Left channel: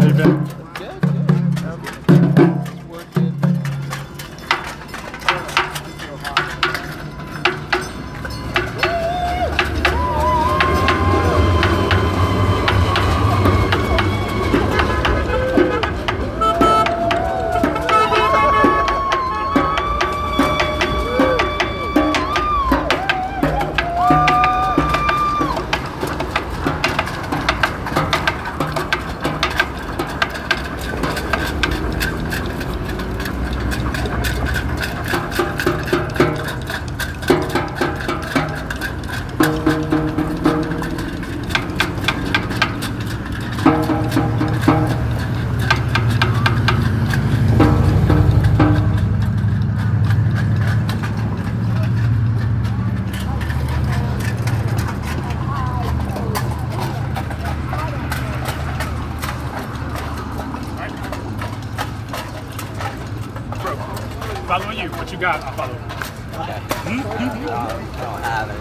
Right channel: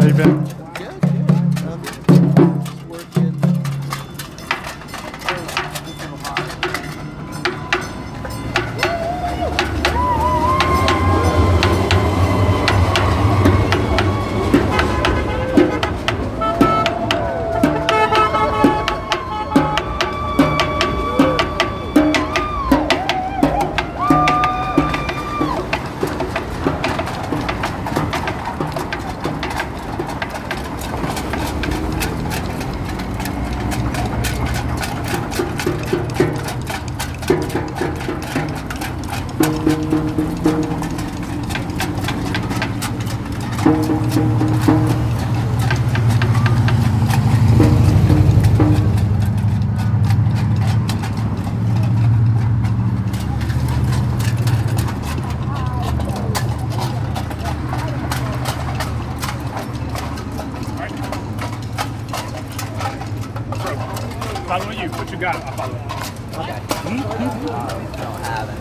How you been? Good, good. Just working. Bro, following you. What you got? I'll follow. Okay. Hmm? Don't have it.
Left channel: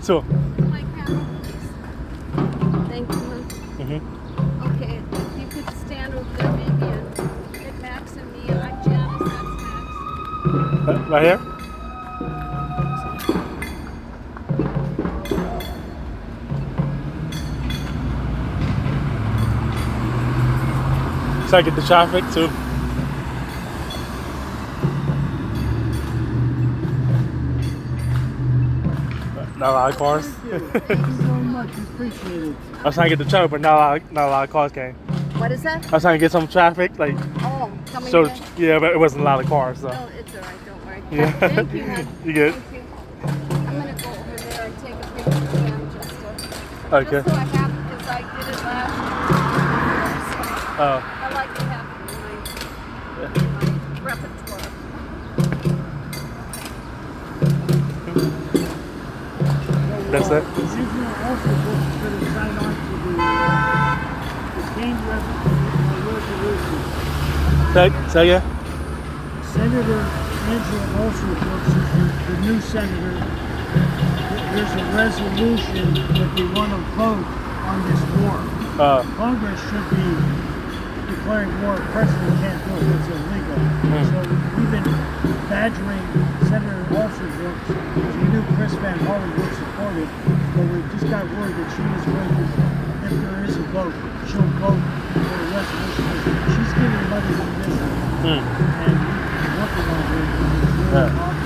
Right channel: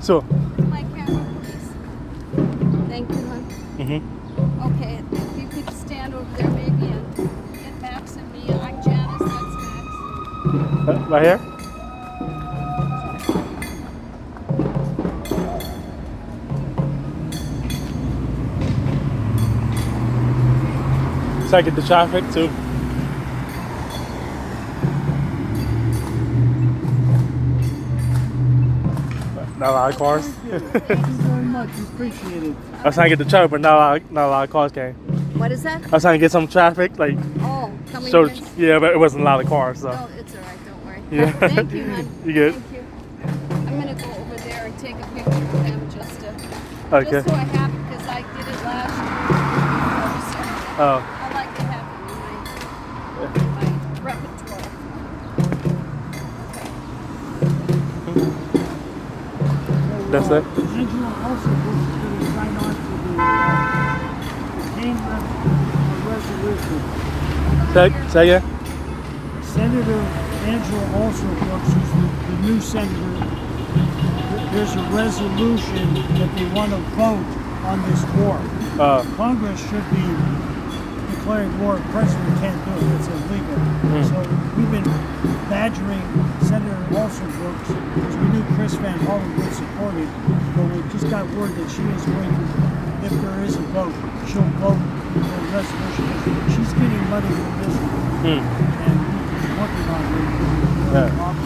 So. My camera, please. Thank you, hon. Mm-hmm. Okay, if you could stand over there maybe and get Max and me. I'm Janice, that's Max. Right here? So I get the traffic too. Not a lot of cars. Thank you very much. We appreciate it. I was trying to get the traffic, but not a lot of cars came. What is that? I was trying to get some traffic, like Oh, coming so. in? Yeah, but it wasn't a lot of cars, so. Oh, it's all right, don't worry. Yeah. Thank you, hon. You good? Thank you. I'm going to go over there and take a picture of them Okay. just so I have, because I did it last year. Oh. I like to have it in my repertoire. That's it. Angela also was going to sign on to the Kane resolution. Say again? Senator Angela Alsop, the new senator, there's a resolution that they want to vote on this war. Congress should be declaring war. The president can't do it. It's illegal. So we've been badgering Senator Alsop also works. We knew Chris Van Hollen would support it, but we just got word that she is going to, if there is a vote, she'll vote for a resolution. She's getting money from this, and we're working on it. Yeah.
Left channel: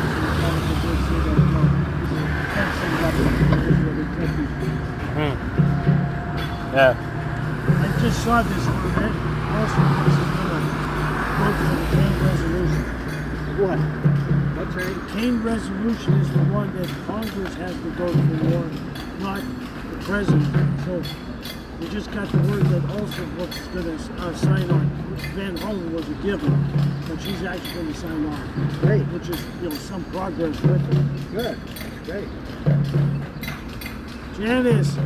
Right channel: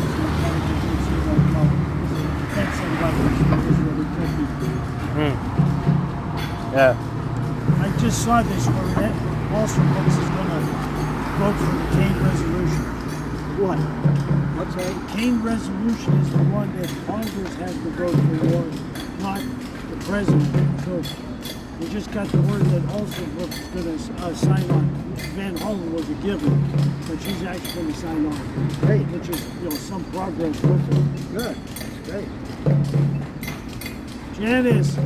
Yeah. I just saw this where Austin Brooks is going to vote for the Kane resolution. What? What's that? The Kane resolution is the one that Congress has to vote for war, not the president. So we just got the word that Austin Brooks is going to sign on. Van Hollen was a given, but she's actually going to sign on. Great. Which is, some progress with her. Good. That's great. Janice,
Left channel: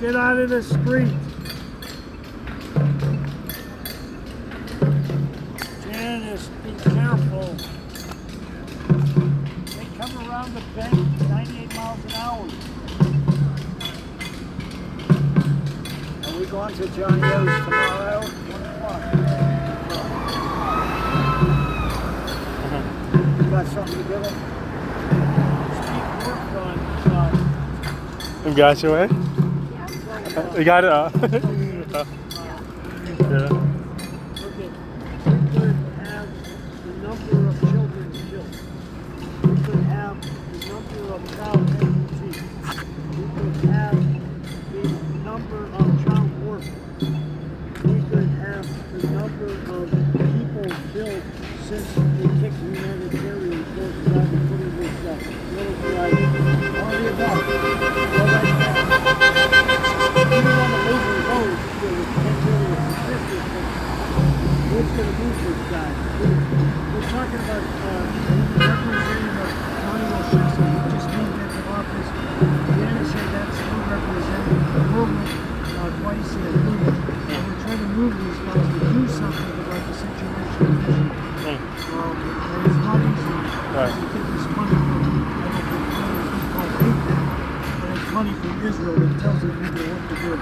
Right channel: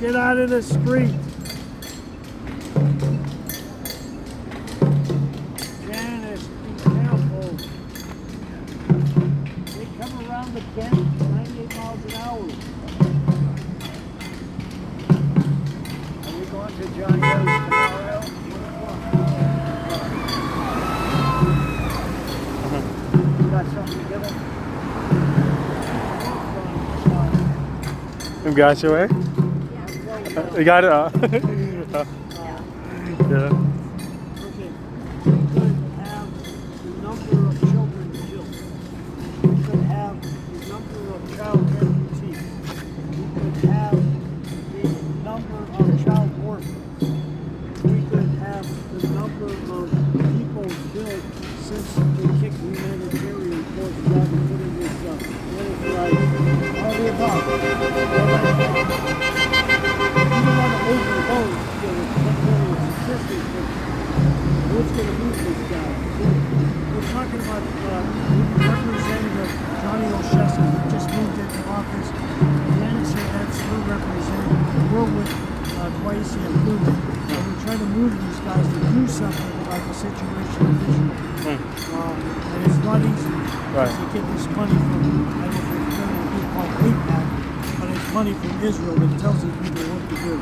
get out of the street. Janice, be careful. They come around the bend 98 miles an hour. Are we going to John Rose tomorrow? You got something to give him? You got your way? You got it? Yeah. Okay. We could have the number of children killed. We could have the number of child amputees. We could have the number of child orphans. We could have the number of people killed since they kicked humanitarian forces out and put in this military, all the above. All that, we don't want to move the road to the 10 million statistics, but what's going to move this guy? We're talking about Representative Johnny Olszewski, who just moved into office. Janice said that's new representative. We're with Dwight and Blue. And we're trying to move these guys to do something about the situation in Israel. And it's not easy. Right. To get this money from, I don't know if it's going to be called AIPAC, but it's money from Israel that tells the people what to do.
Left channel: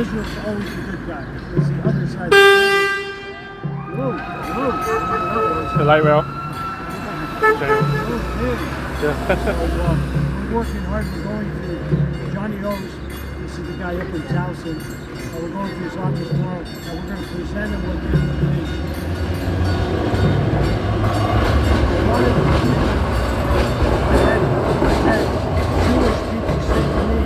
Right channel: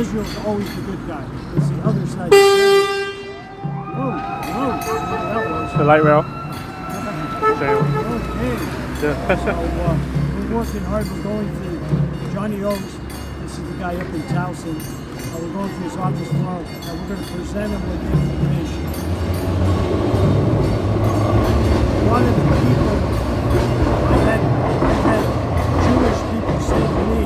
Israel's always the good guy. It's the other side of the family. Whoa, that was. The light rail? Okay. Yeah. So we're working hard. We're going through Johnny O's. This is the guy up in Towson. We're going through his office tomorrow, and we're going to present him with information. One of the people I had Jewish people say to me,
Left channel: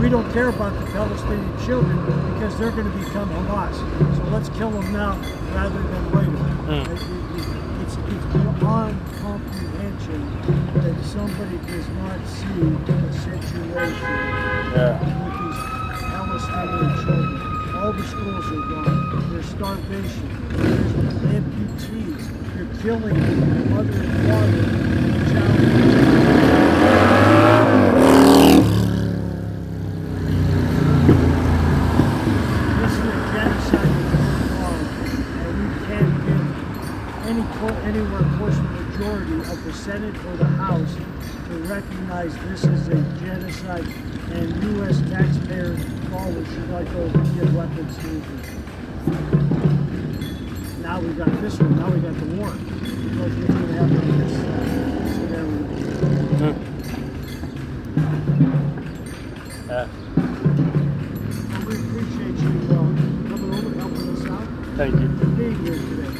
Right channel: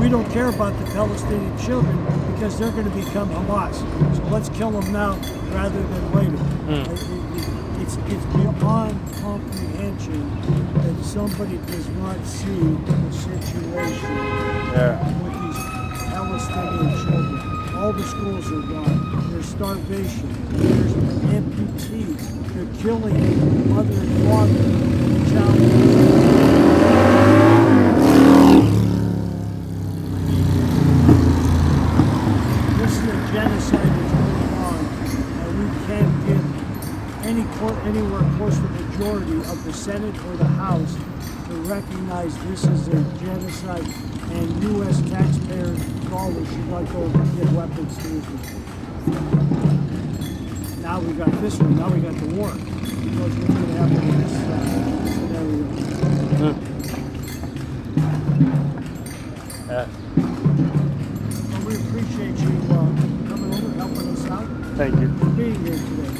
we don't care about the Palestinian children because they're going to become Hamas. So let's kill them now rather than later. It's beyond comprehension that somebody does not see the situation with these Palestinian children. All the schools are gone. There's starvation. There's amputees. They're killing mother and father and child. This is a genocide that's going on, and we can't get anywhere close to the majority of the Senate or the House to recognize this is a genocide, and U.S. taxpayers' dollars should not go to give weapons to Israel. Now we got this one. Now we got the war. What's going to happen in this scenario? Well, we appreciate you coming over, helping us out, Thank you. and being here today.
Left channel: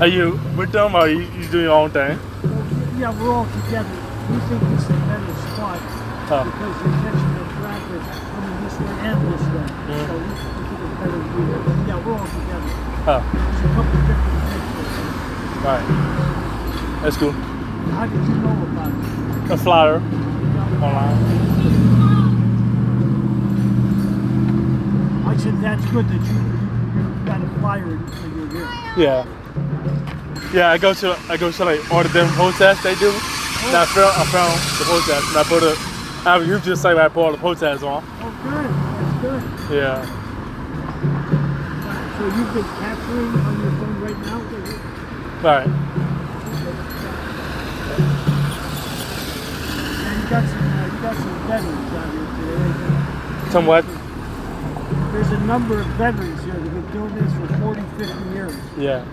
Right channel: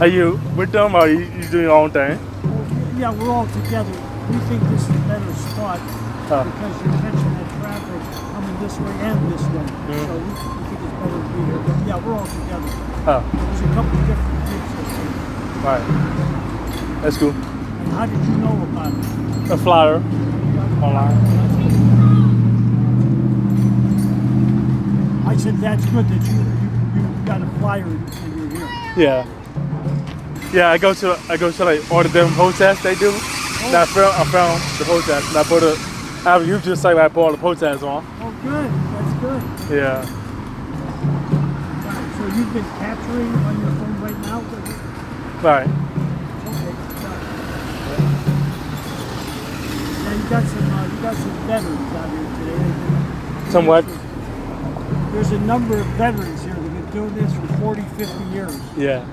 Are you with them or you doing your own thing? Well, yeah, we're all together. We think this is a better spot because you're catching the traffic coming this way and this way. So we think it's better to be here. But yeah, we're all together. There's a couple of different things. Right. That's cool. And how did you know about it? A flyer online. I said that's good that you got a flyer and you're here. Yeah. Yeah, I go to like all the different protests they do. And I found the protest and I used to say I put all the protests on. Oh, good. That's good. Yeah. So you've been capturing on your phone right now? Right. Okay. And you got some veterans out here today. Somewhat. There's a number of veterans here that have been doing this for 40, 50 years. Yeah.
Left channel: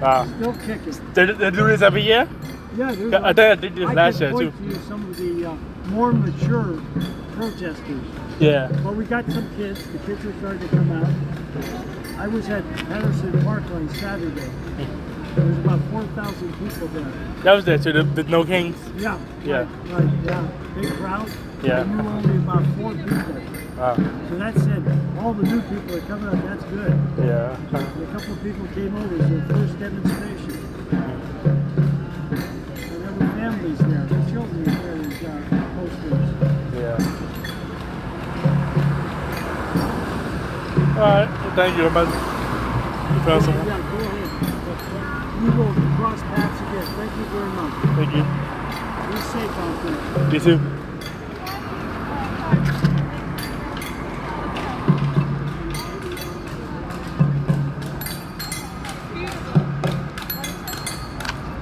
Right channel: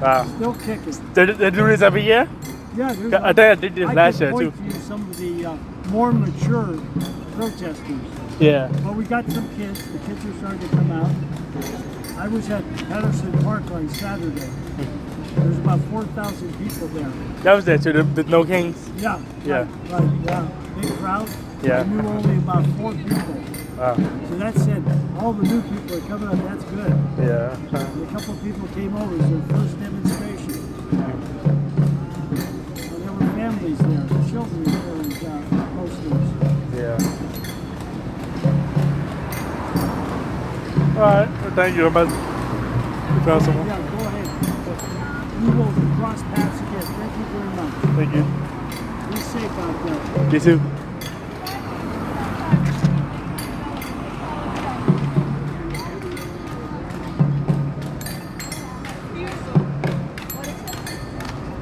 Still kicking. They do this every year? Yeah, there's I think I did this last year I too. could point to you some of the more mature protesters. Yeah. But we got some kids. The kids are starting to come out. I was at Patterson Park on Saturday. There's about 4,000 people there. That was there too, the No Kings? Yeah. Yeah. Right, yeah. Big crowd. Yeah. I knew only about 4 people. Wow. So that said, all the new people are coming up. That's good. Yeah. A couple of people came over. It was their first demonstration. And there were families there. The children carried posters. Yeah. Alright, well, thank you. You found someone? Yeah, go ahead. We will cross paths again. Thank you very much. Thank you. Be safe out there. You too.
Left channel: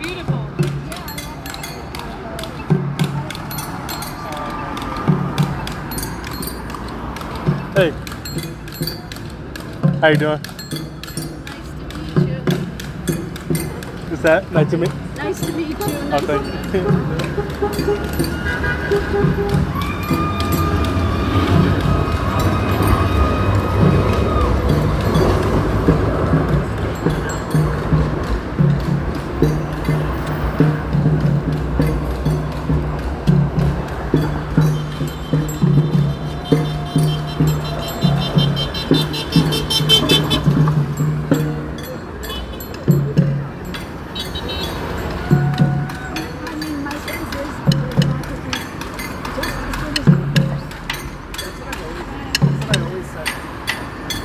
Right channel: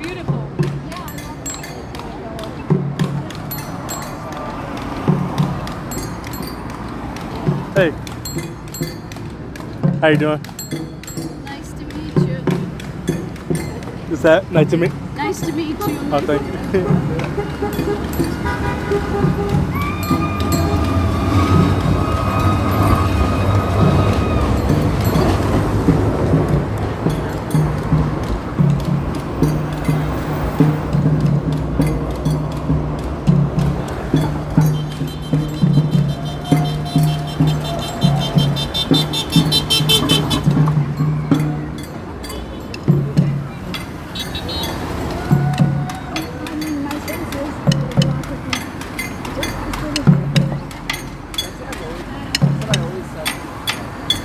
Beautiful. Hey. How you doing? Nice to meet you. Is that nice to meet? Nice to meet you. Oh, thank you. My sense is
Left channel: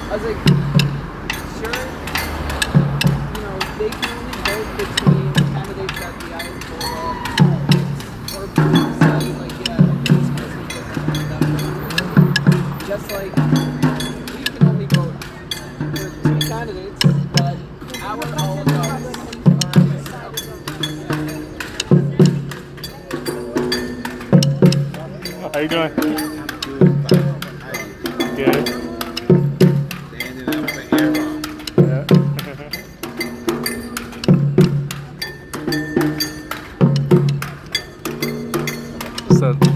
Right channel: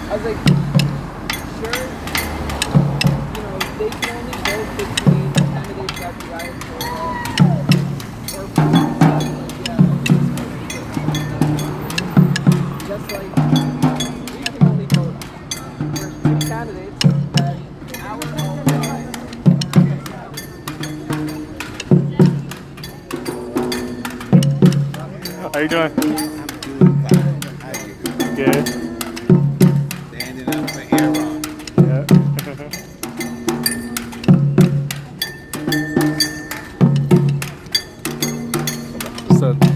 I was like, sure, they can only vote between candidates that the eyes go up or people. So I was like, yeah, it's supposed to be different. Just like we can only vote for 2 candidates that our own How you doing? I'm good, fine. How you doing? Good. Standing up for Aaron. Yeah.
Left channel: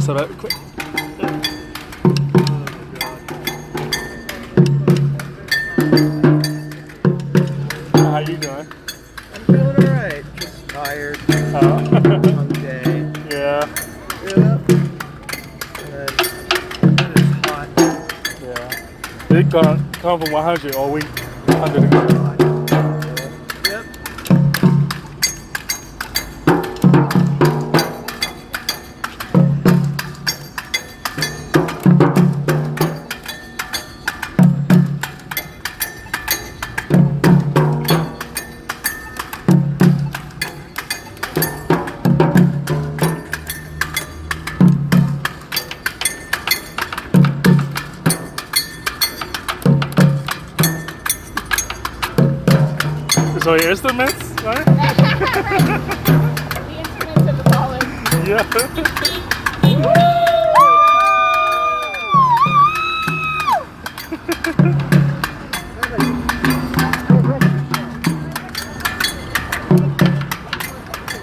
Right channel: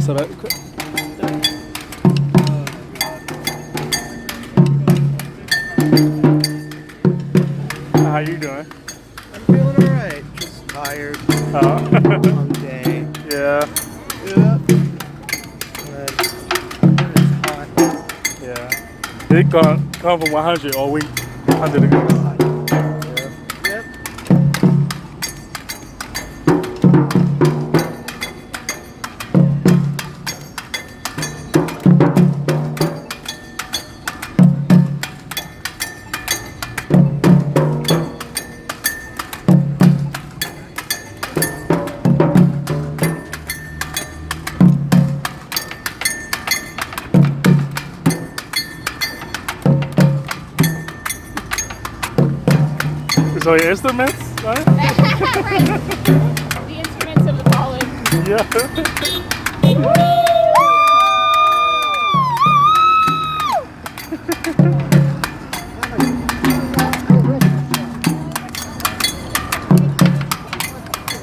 so that. How you doing? I'm feeling alright. Just tired. Oh. Long day. Yeah. Yeah. It's hot. Yeah. It come from 100 all week. 100 degrees. Yep. So your instruments, right? the instruments of the college. Yeah.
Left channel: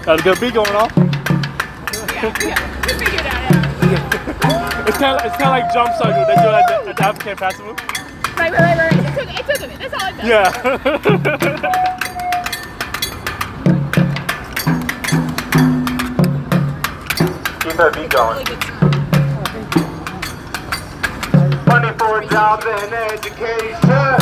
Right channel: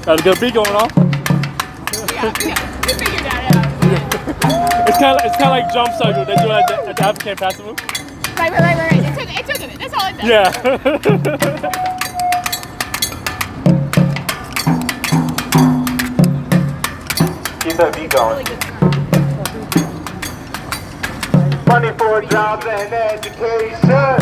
That's a good beat going on. It's kind of like Jump Circle. They do it at the African Festival. Right. It took it. That's all it does. Yeah. Keep that beat going. Money for jobs and education.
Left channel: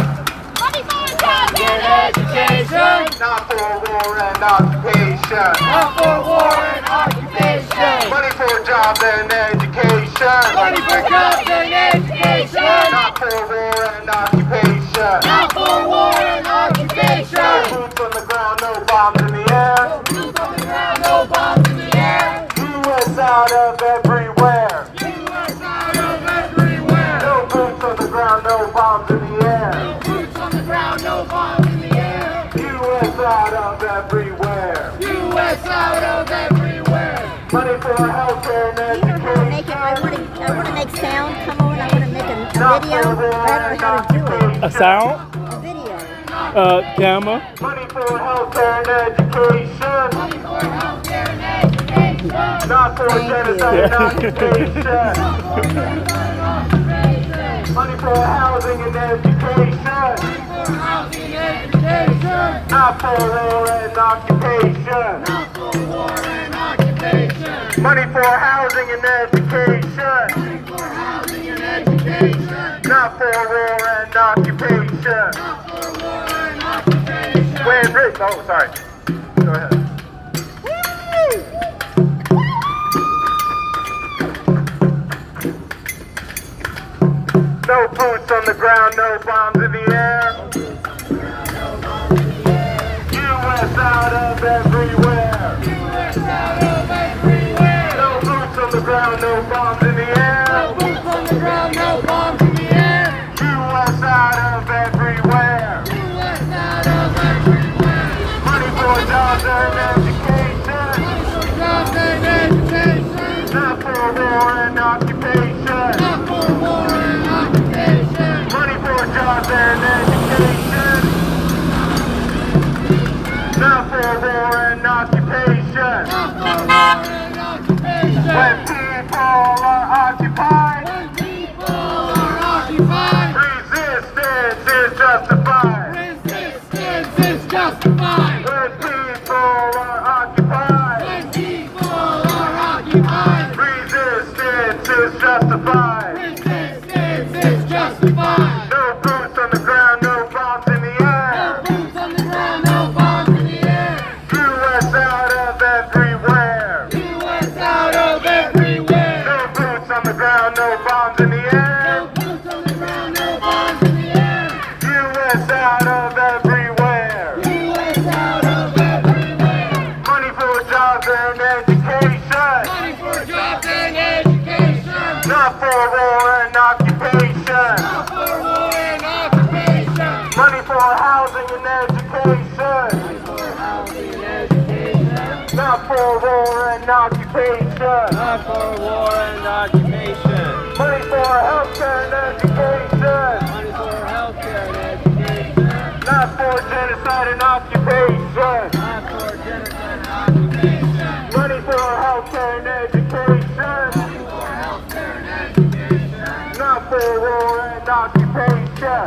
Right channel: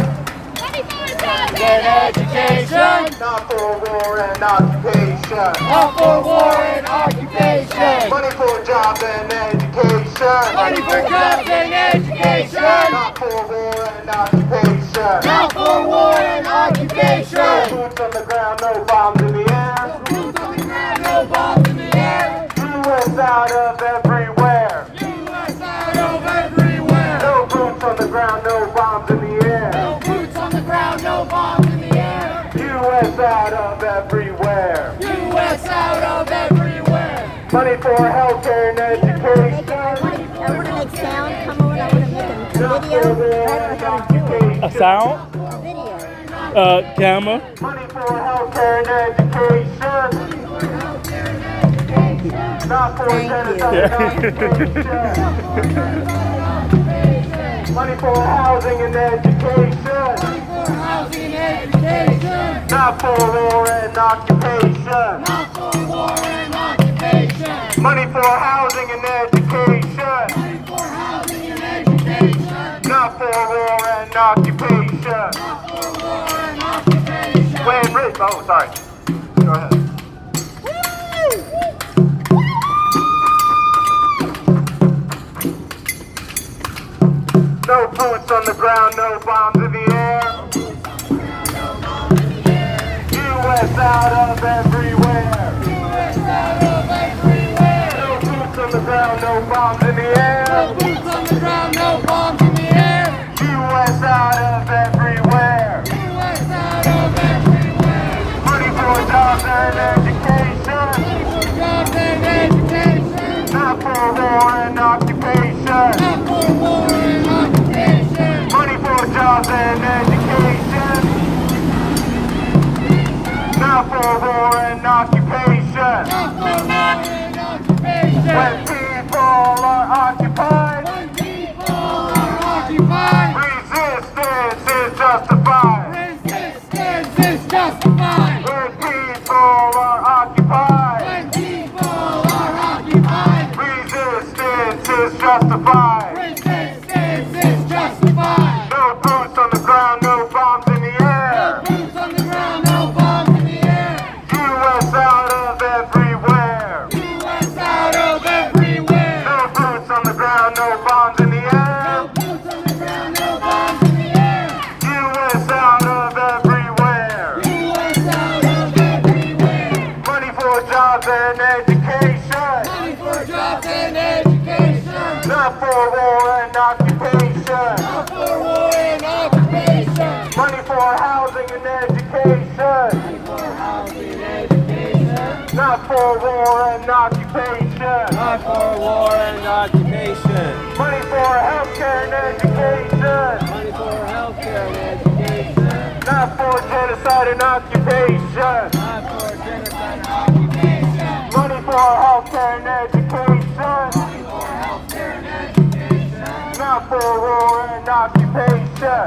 Money for jobs and education. Not for war and occupation. Not for war and occupation. Money for jobs and education. Money for jobs and education. Not for war and occupation. Not for war and occupation. Boots on the ground, no bombs in the air. Boots on the ground, no bombs in the air. US out of everywhere. U.S. out of everywhere. No boots on the ground, no bombs in the air. No boots on the ground, no bombs in the air. US out of everywhere. U.S. out of everywhere. Money for healthcare and education. I want to make sound come on. I want to make a video. I don't know how to do it. A sound? A video. Camera. Money for healthcare and education. Not for genocide and occupation. Money for housing and education. Not for war and occupation. Money for housing and education. Not for war and occupation. Wait, Rick. Oh, sorry. Go ahead. No boots on the ground, no bombs in the air. U.S. out of everywhere. No boots on the ground, no bombs in the air. U.S. out of everywhere. Money for jobs and education. Not for war and occupation. Money for jobs and education. Not for war and occupation. When people are occupied, resistance is justified. When people are occupied, resistance is justified. No boots on the ground, no bombs in the air. U.S. out of everywhere. No boots on the ground, no bombs in the air. U.S. out of everywhere. Money for jobs and education. Not for war and occupation. Money for housing and education. Not for war and occupation. Money for healthcare and education. Not for genocide and occupation. Money for healthcare and education. Not for war and occupation.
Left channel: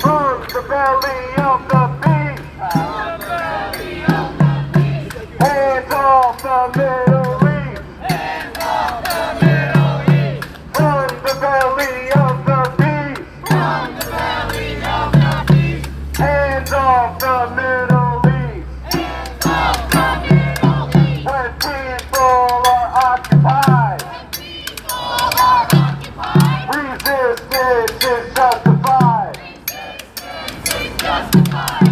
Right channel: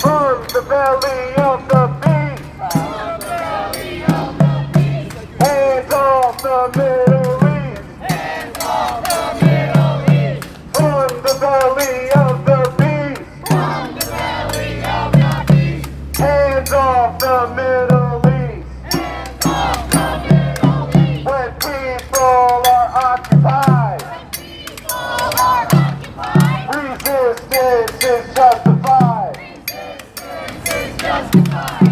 From the belly of the beast. Hands off the Middle East. From the belly of the beast. Hands off the Middle East. When people are occupied, resistance is justified.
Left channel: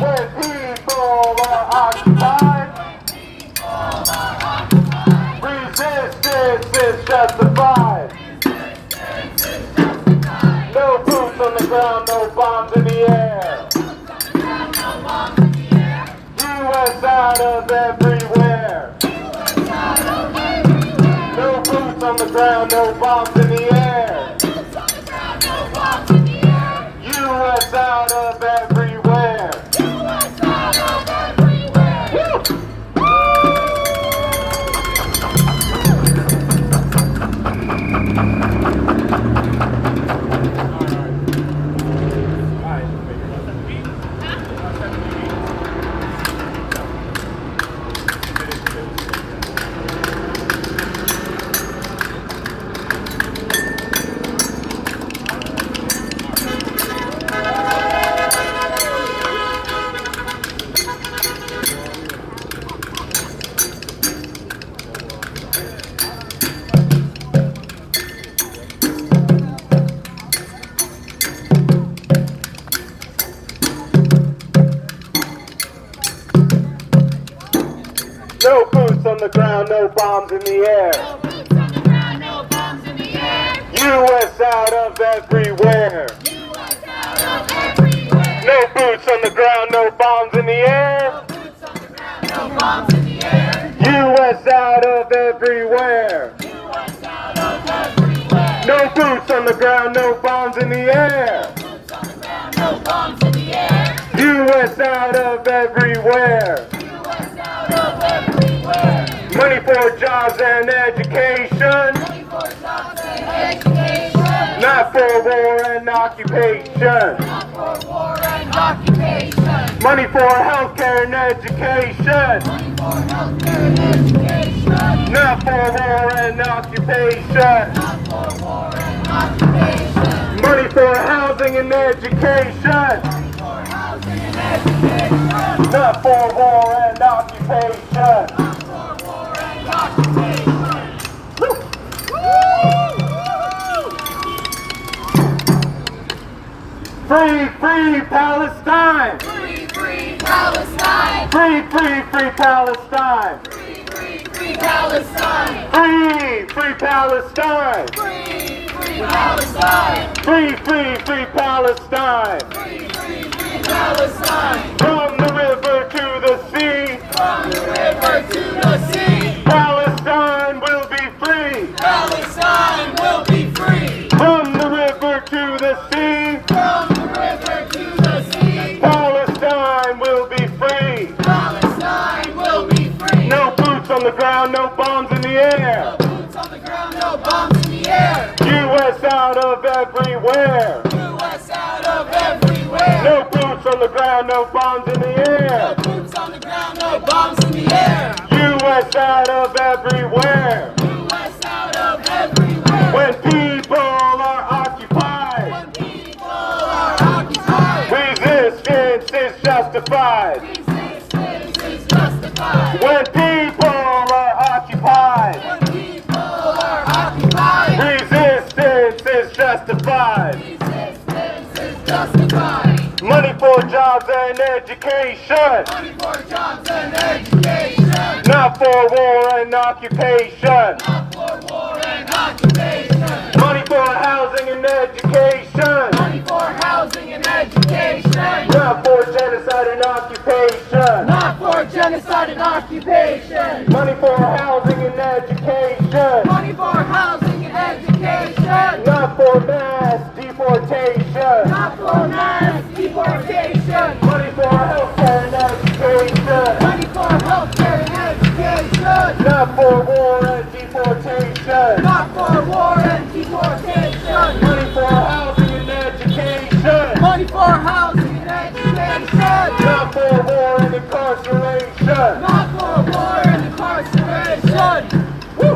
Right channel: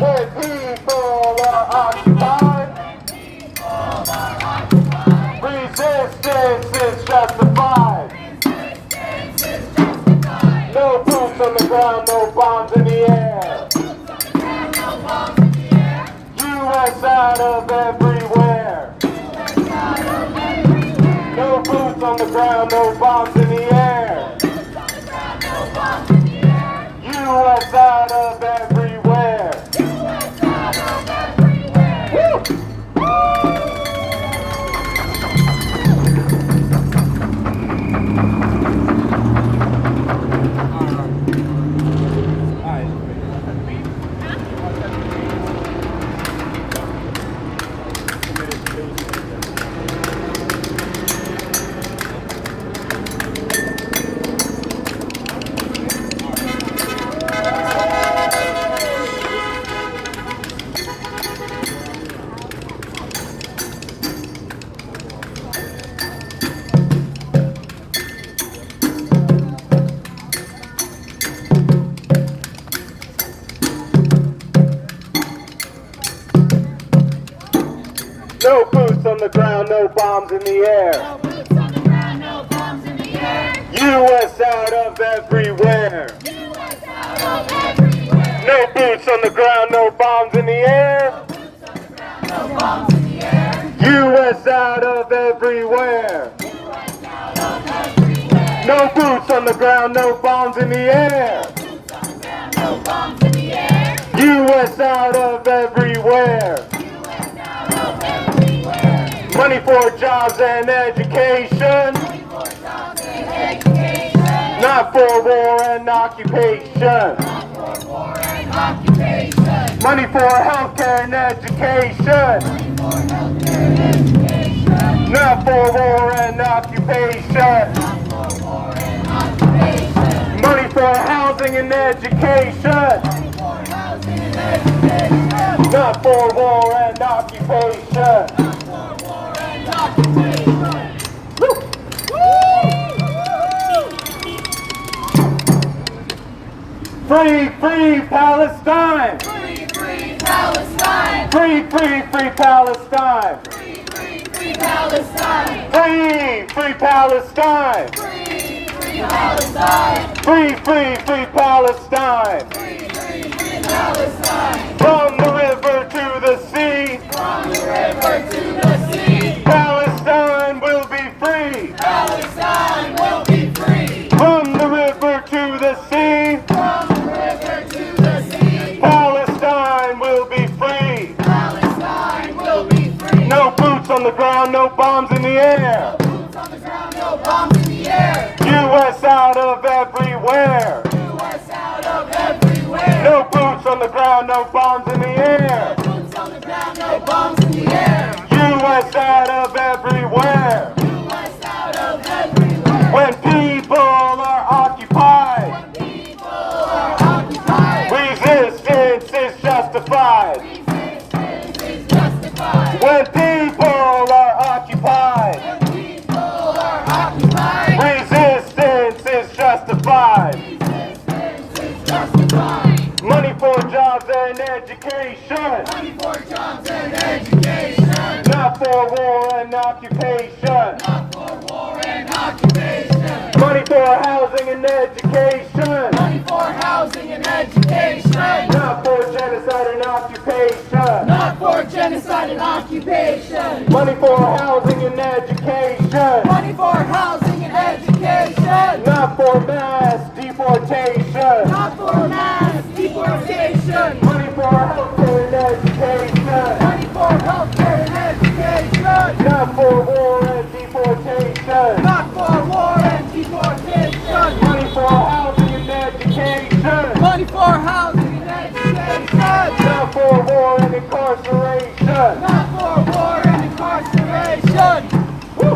When people are occupied, resistance is justified. No boots on the ground, no bombs in the air. U.S. out of everywhere. No boots on the ground, no bombs in the air. U.S. out of everywhere. Woo! No boots on the ground, no bombs in the air. U.S. out of everywhere. No boots on the ground, no bombs in the air. U.S. out of everywhere. No boots on the ground, no bombs in the air. U.S. out of everywhere. Money for jobs and education. Not for war and occupation. Money for healthcare and education. Not for war and occupation. Money for housing and education. Not for war and occupation. Woo. Free, free Palestine! Free, free Palestine! Free, free, free Palestine! Free, free, free Palestine! Free, free Palestine! Free, free Palestine! Free, free, free Palestine! Free, free, free Palestine! From the river to the sea! From the river to the sea! Palestine will be free! Palestine will be free! From the river to the sea! From the river to the sea! Palestine will be free! Palestine will be free! No boots on the ground, no bombs in the air! Boots on the ground, no bombs in the air! U.S. out of everywhere! U.S. out of everywhere! No boots on the ground, no bombs in the air! Boots on the ground, no bombs in the air! U.S. out of everywhere! U.S. out of everywhere! When people are occupied, When people are occupied, resistance is justified. resistance is justified. When people are occupied, When people are occupied, resistance is justified. resistance is justified. Money for jobs and education, Money for jobs and education, not for war and occupation. not for war and occupation. Money for housing and education, Money for housing and education, not for genocide and occupation. not for genocide and occupation. Money for housing and education, Money for housing and education, not for mass deportation. not for mass deportation. Money for healthcare and education, Money for healthcare and education, not for war and deportation. not for war and deportation. Money for housing and education, Money for housing and education, not for war and incarceration. not for war and incarceration. Woo!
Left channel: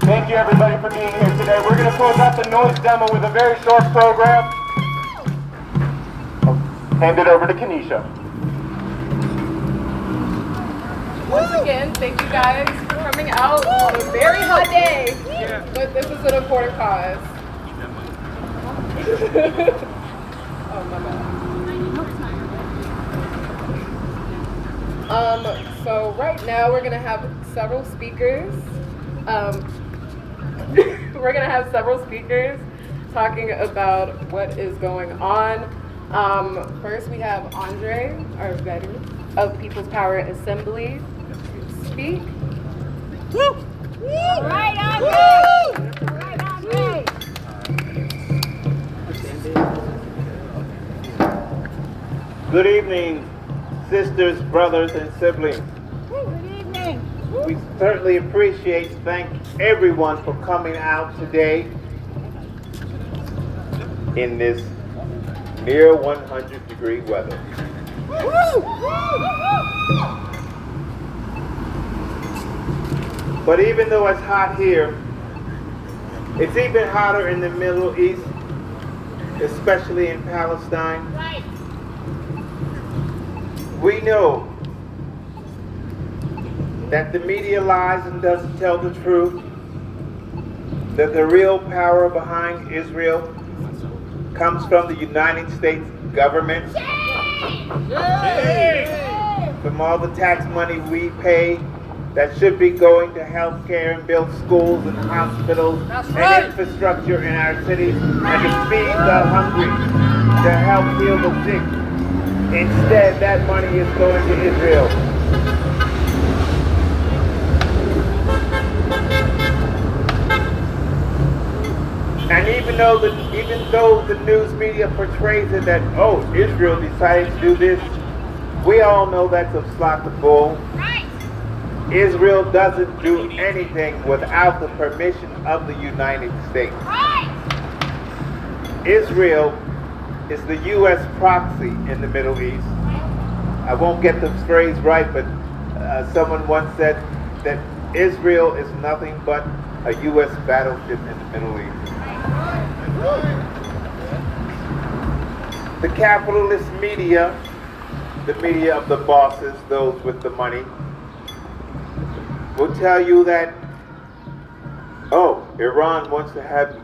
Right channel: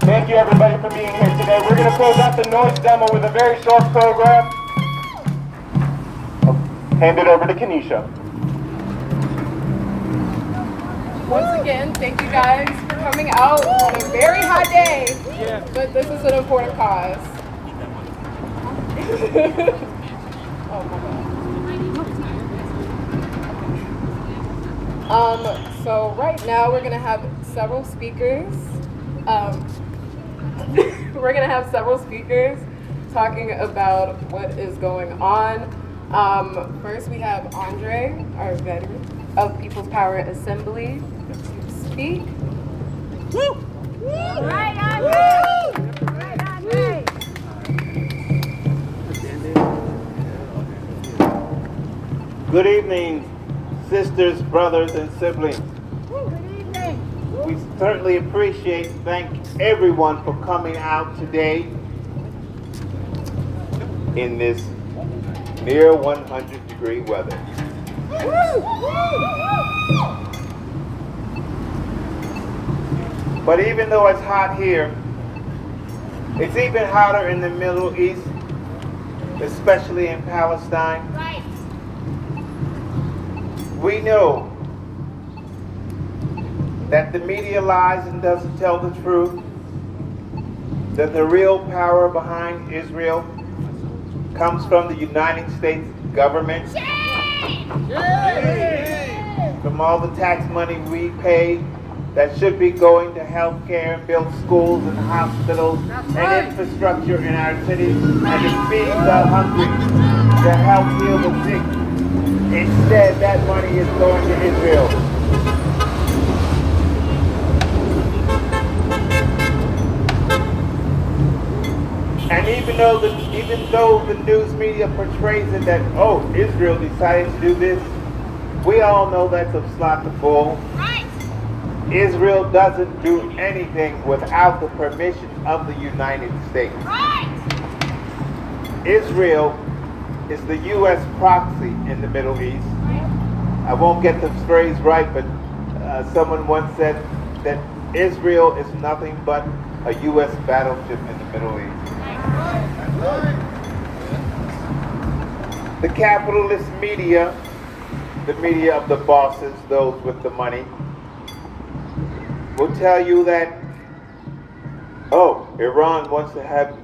Thank you everybody for being here today. We're going to close out the noise demo with a very short program. I'll hand it over to Kenesha. Once again, thank you guys for coming out on a very hot day. But this is an important cause. Oh my bad. So right now we're gonna have several speakers. We're gonna have several speakers talking about what is going on. First we have Andre Arvetti of People's Power Assembly to speak. Right on me! Right on me! Good evening, sisters, brothers, and siblings. Good evening. We certainly appreciate and thank everyone for coming out today in this near 100-degree weather. But even though it's hot here, it's even hotter in the Middle East, especially in Palestine. We know that the media lies and doesn't tell the truth, that the real power behind Israel comes from the United States government, from all the tax money we pay that should be going to health care and build schools and hospitals and infrastructure in our cities and to feed the hungry, to help heal the sick. Instead, that money is going to Israel. even though the news media portrays it that, oh, Israel decided to do this, we all know that's a flock of bull. Right. Israel doesn't do anything without the permission of the United States. Right. Israel is the U.S. proxy in the Middle East. I won't get the phrase right, but someone once said that Israel is nothing but a U.S. battleship in the Middle East. The capitalist media, the media of the bosses, those with the money, will tell you that, oh, Iran wants to have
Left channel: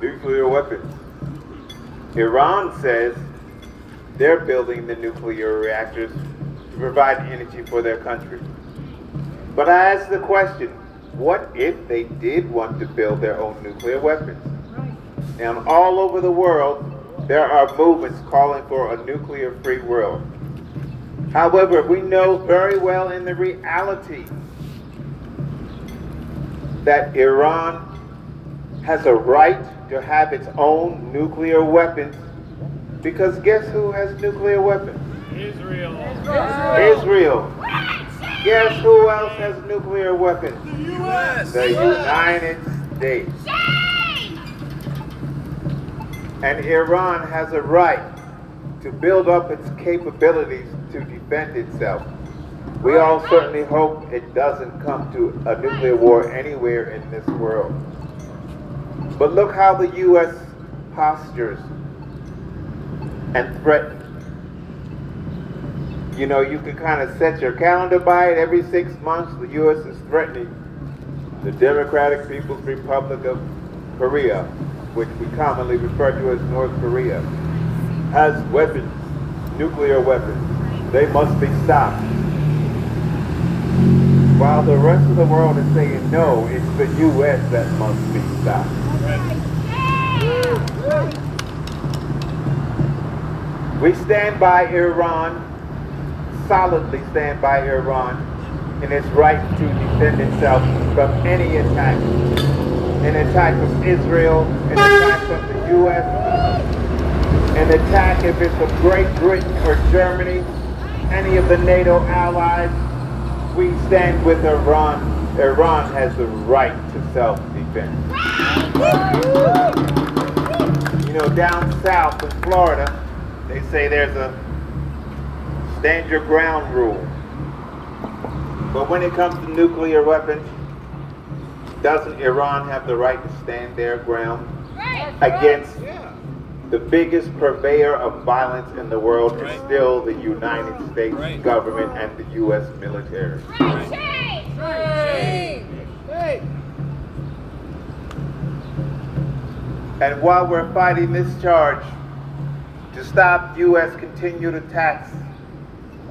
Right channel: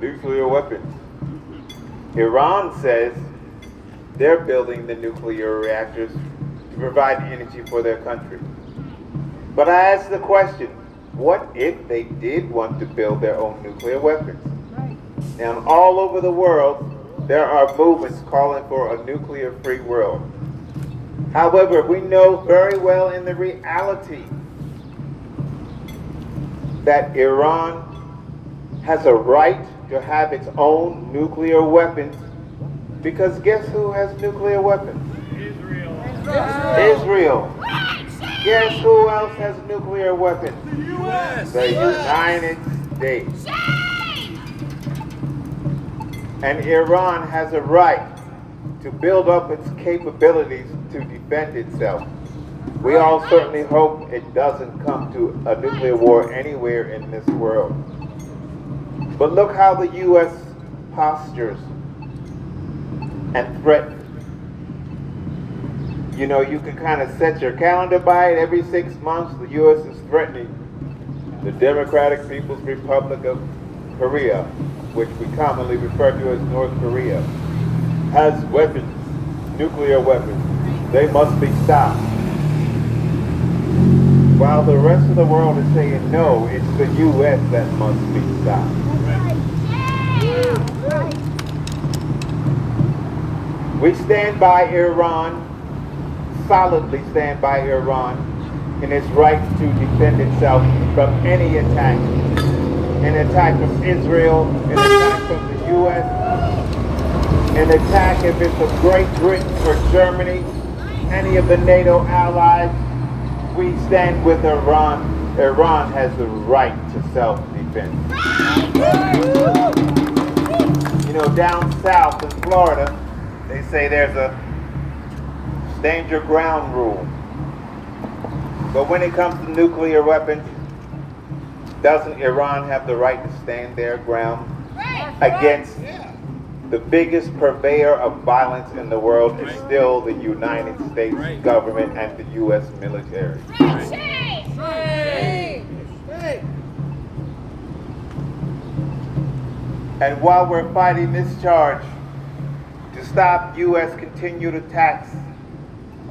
nuclear weapons. Iran says they're building the nuclear reactors to provide energy for their country. But I ask the question, what if they did want to build their own nuclear weapons? Now, all over the world, there are movements calling for a nuclear-free world. However, we know very well in the reality that Iran has a right to have its own nuclear weapons, because guess who has nuclear weapons? Israel. Guess who else has nuclear weapons? The U.S. The United States. And Iran has a right to build up its capabilities to defend itself. We all certainly hope it doesn't come to a nuclear war anywhere in this world. But look how the U.S. postures and threatens. You know, you can kind of set your calendar by it. Every 6 months, the U.S. is threatening the Democratic People's Republic of Korea, which we commonly refer to as North Korea, has weapons, nuclear weapons. They must be stopped. While the rest of the world is saying no, it's the U.S. that must be stopped. We stand by Iran, solidly stand by Iran in its right to defend itself from any attack. An attack from Israel, an attack from the U.S., an attack if it's from Great Britain or Germany, any of the NATO allies. We stand with Iran. Iran has the right to self-defense. You know, down south in Florida, they say there's a stand your ground rule. But when it comes to nuclear weapons, doesn't Iran have the right to stand their ground against the biggest purveyor of violence in the world is still the United States government and the U.S. military. And while we're fighting this charge to stop U.S. continued attacks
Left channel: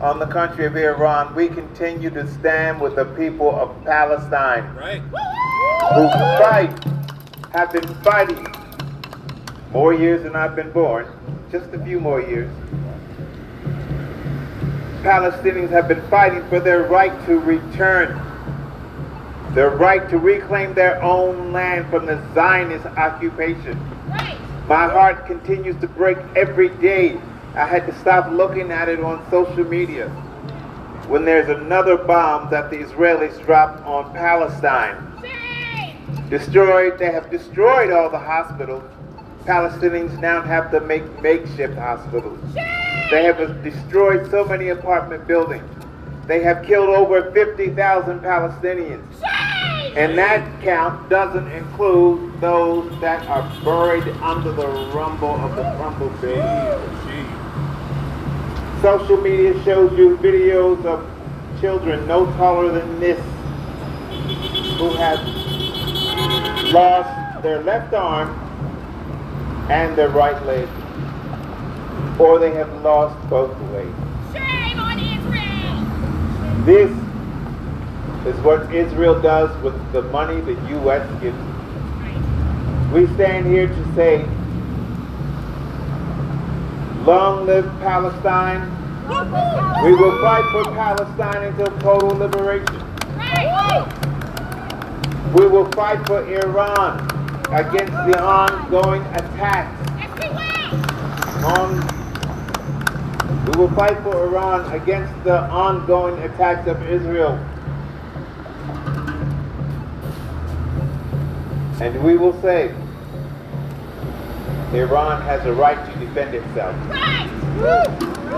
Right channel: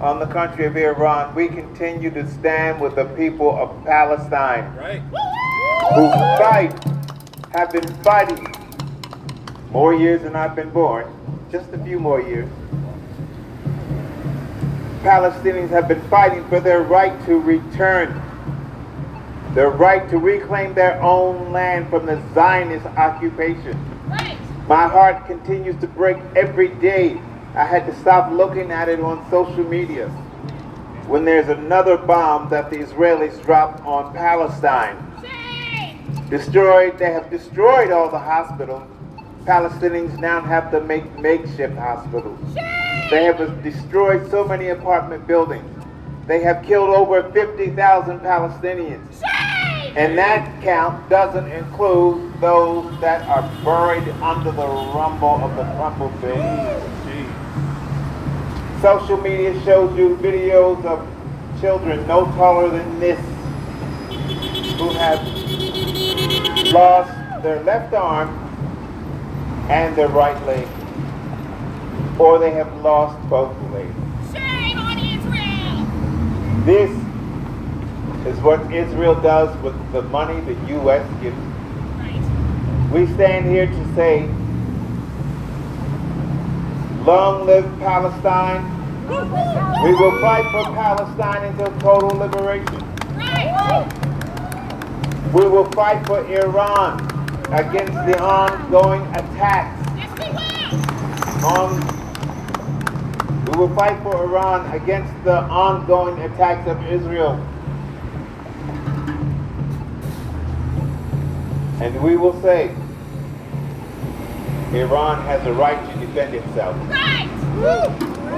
on the country of Iran, we continue to stand with the people of Palestine who have been fighting more years than I've been born, just a few more years. Palestinians have been fighting for their right to return, their right to reclaim their own land from the Zionist occupation. My heart continues to break every day. I had to stop looking at it on social media when there's another bomb that the Israelis dropped on Palestine. They have destroyed all the hospitals. Palestinians now have to make makeshift hospitals. They have destroyed so many apartment buildings. They have killed over 50,000 Palestinians. And that count doesn't include those that are buried under the rumble of the crumbled buildings. Social media shows you videos of children no taller than this who have lost their left arm and their right leg, or they have lost both legs. Shame on Israel! This is what Israel does with the money the U.S. gives. We stand here to say, long live Palestine. We will fight for Palestine until total liberation. We will fight for Iran against the ongoing attacks. We will fight for Iran against the ongoing attacks of Israel. And we will say, Iran has a right to defend itself.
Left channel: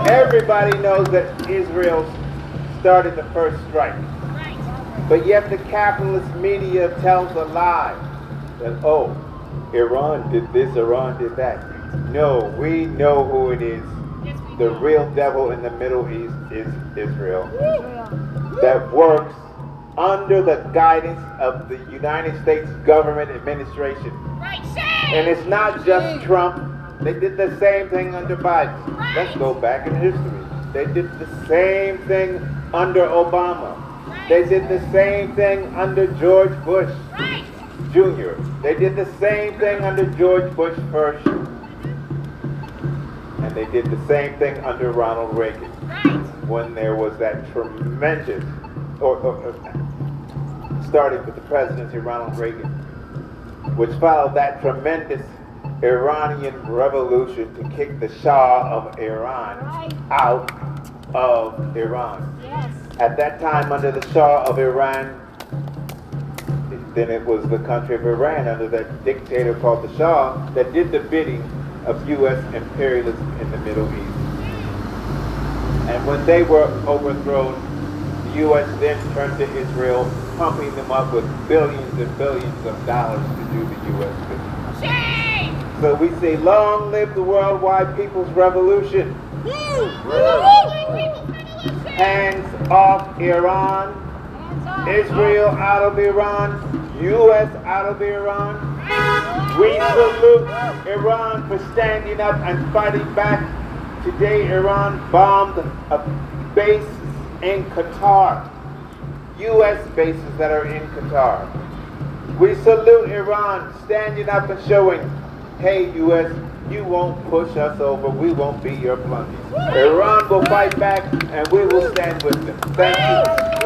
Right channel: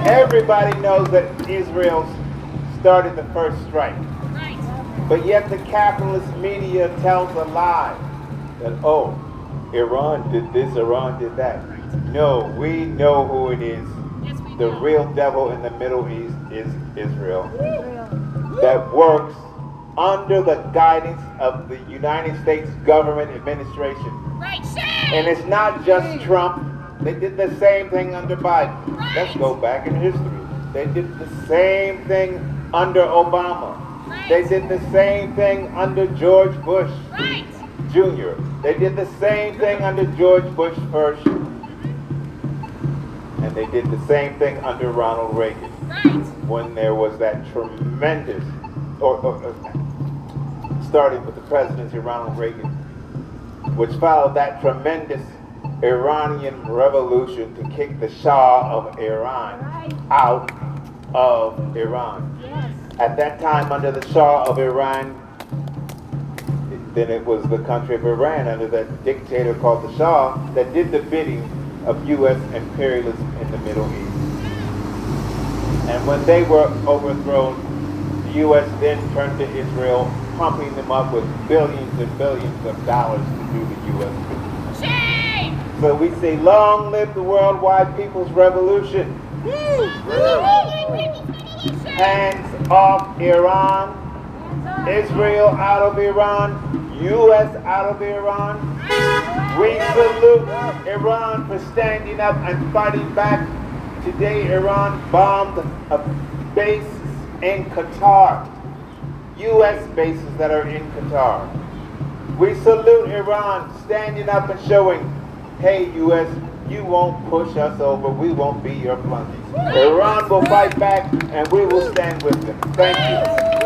Everybody knows that Israel started the first strike. But yet the capitalist media tells a lie that, oh, Iran did this, Iran did that. No, we know who it is. The real devil in the Middle East is Israel. That works under the guidance of the United States government administration. And it's not just Trump. They did the same thing under Biden. Let's go back in history. They did the same thing under Obama. They did the same thing under George Bush Jr. They did the same thing under George Bush first. And they did the same thing under Ronald Reagan. When there was that tremendous, starting with the presidency of Ronald Reagan, which followed that tremendous Iranian revolution to kick the Shah of Iran out of Iran. At that time, under the Shah of Iran, then it was the country of Iran under that dictator called the Shah that did the bidding of U.S. imperialism in the Middle East. And when they were overthrown, the U.S. then turned to Israel, pumping them up with billions and billions of dollars to do the U.S. bidding. So we say, long live the worldwide people's revolution. Hands off Iran. Israel out of Iran. U.S. out of Iran. We salute Iran for standing up and fighting back. Today, Iran bombed a base in Qatar. U.S. bases that are in Qatar. We salute Iran standing up and showing, hey, U.S., you won't push us over. We won't be your plunges. Iran will fight back, and we will stand with them. Thank you.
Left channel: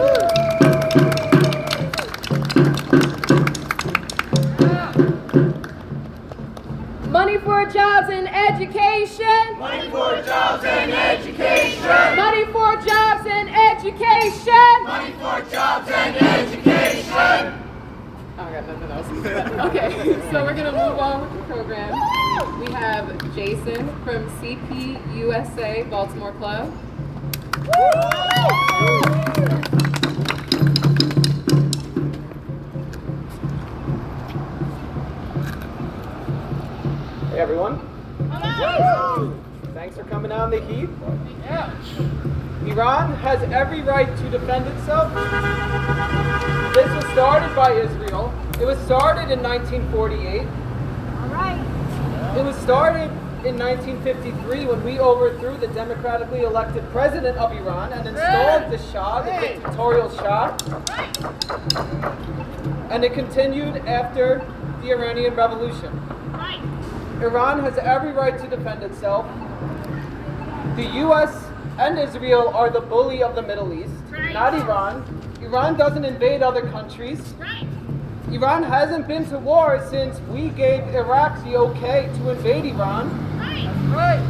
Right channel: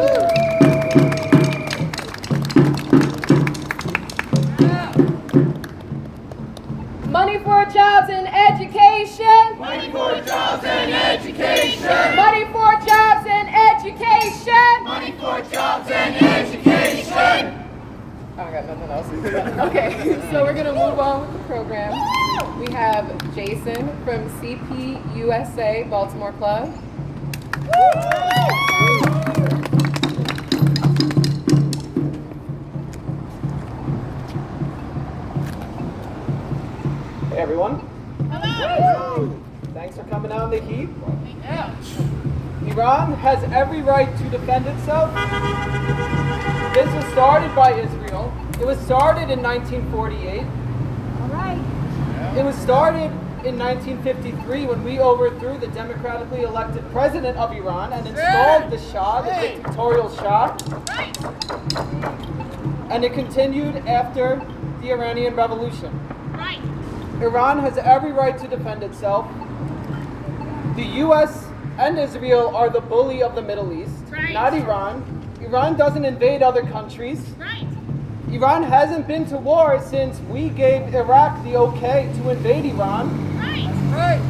Money for jobs and education. Money for jobs and education. Money for jobs and education. Money for jobs and education. Oh, I got nothing else. Okay, so we're going to move on with the program. We have Jason from CP USA Baltimore Club. Hey everyone. Thanks for coming out in the heat. Iran has every right to defend itself. This was started by Israel. It was started in 1948. All right. It was started in 1953 when we overthrew the democratically elected president of Iran and installed the Shah, the dictatorial Shah. And it continued after the Iranian Revolution. Iran has every right to defend itself. The U.S. and Israel are the bully of the Middle East, not Iran. Iran doesn't invade other countries. Iran hasn't been to war since we gave Iraq the okay to invade Iran.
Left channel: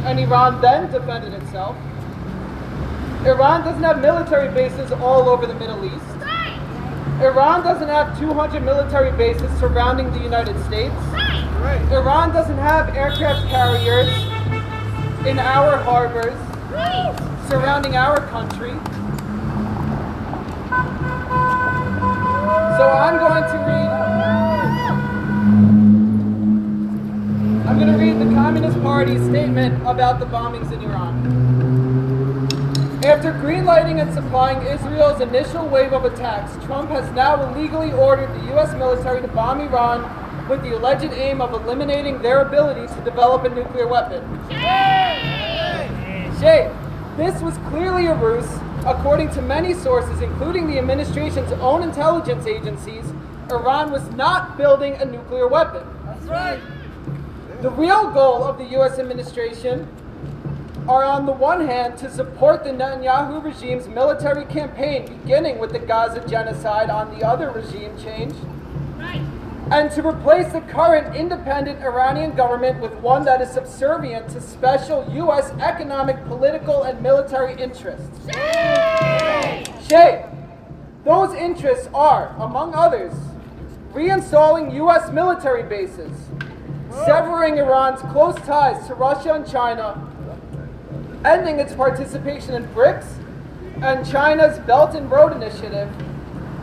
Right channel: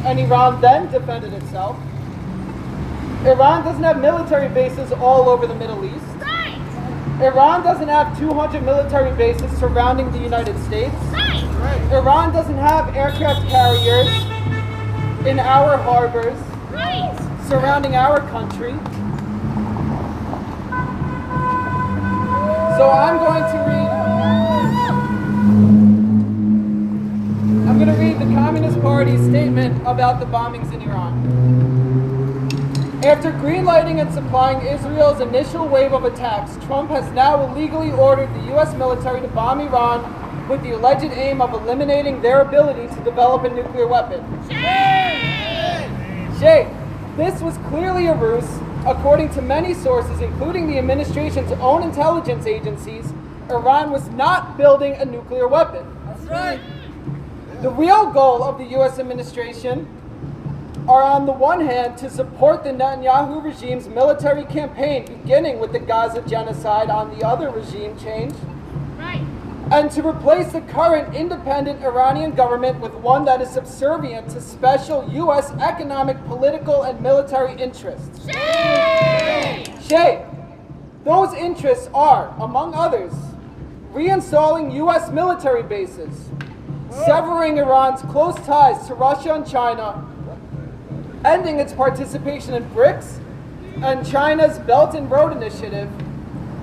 And Iran then defended itself. Iran doesn't have military bases all over the Middle East. Iran doesn't have 200 military bases surrounding the United States. Iran doesn't have aircraft carriers in our harbors surrounding our country. So I'm going to read the Communist Party's statement about the bombings in Iran. After greenlighting and supplying Israel's initial wave of attacks, Trump has now illegally ordered the U.S. military to bomb Iran with the alleged aim of eliminating their ability to develop a nuclear weapon. Shame! This was clearly a ruse. According to many sources, including the administration's own intelligence agencies, Iran was not building a nuclear weapon. That's right. The real goal of the U.S. administration are, on the one hand, to support the Netanyahu regime's military campaign, beginning with the Gaza genocide, on the other regime change, and to replace the current independent Iranian government with one that is subservient to special U.S. economic, political, and military interests. Shame! Those interests are, among others, reinstalling U.S. military bases, severing Iran's close ties to Russia and China, ending its participation in BRICS and China's Belt and Road Initiative,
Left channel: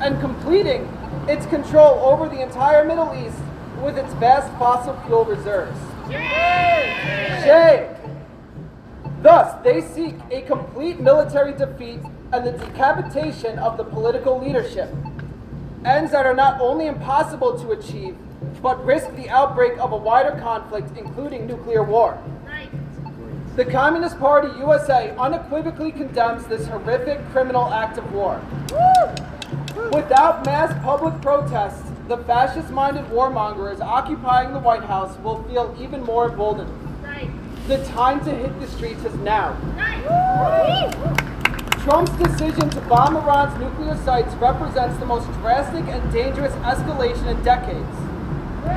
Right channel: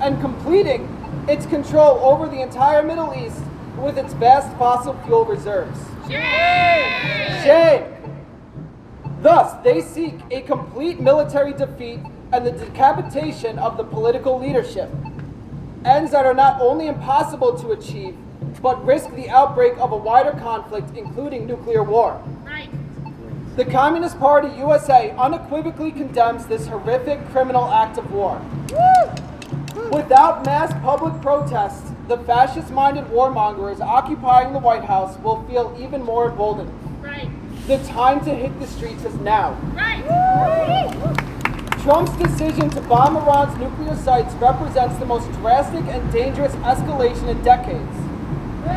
and completing its control over the entire Middle East with its vast fossil fuel reserves. Shame! Thus, they seek a complete military defeat and the decapitation of the political leadership, ends that are not only impossible to achieve, but risk the outbreak of a wider conflict, including nuclear war. The Communist Party USA unequivocally condemns this horrific criminal act of war. Without mass public protests, the fascist-minded warmongers occupying the White House will feel even more emboldened. The time to hit the streets is now. Trump's decision to bomb Iran's nuclear sites represents the most drastic and dangerous escalation in decades.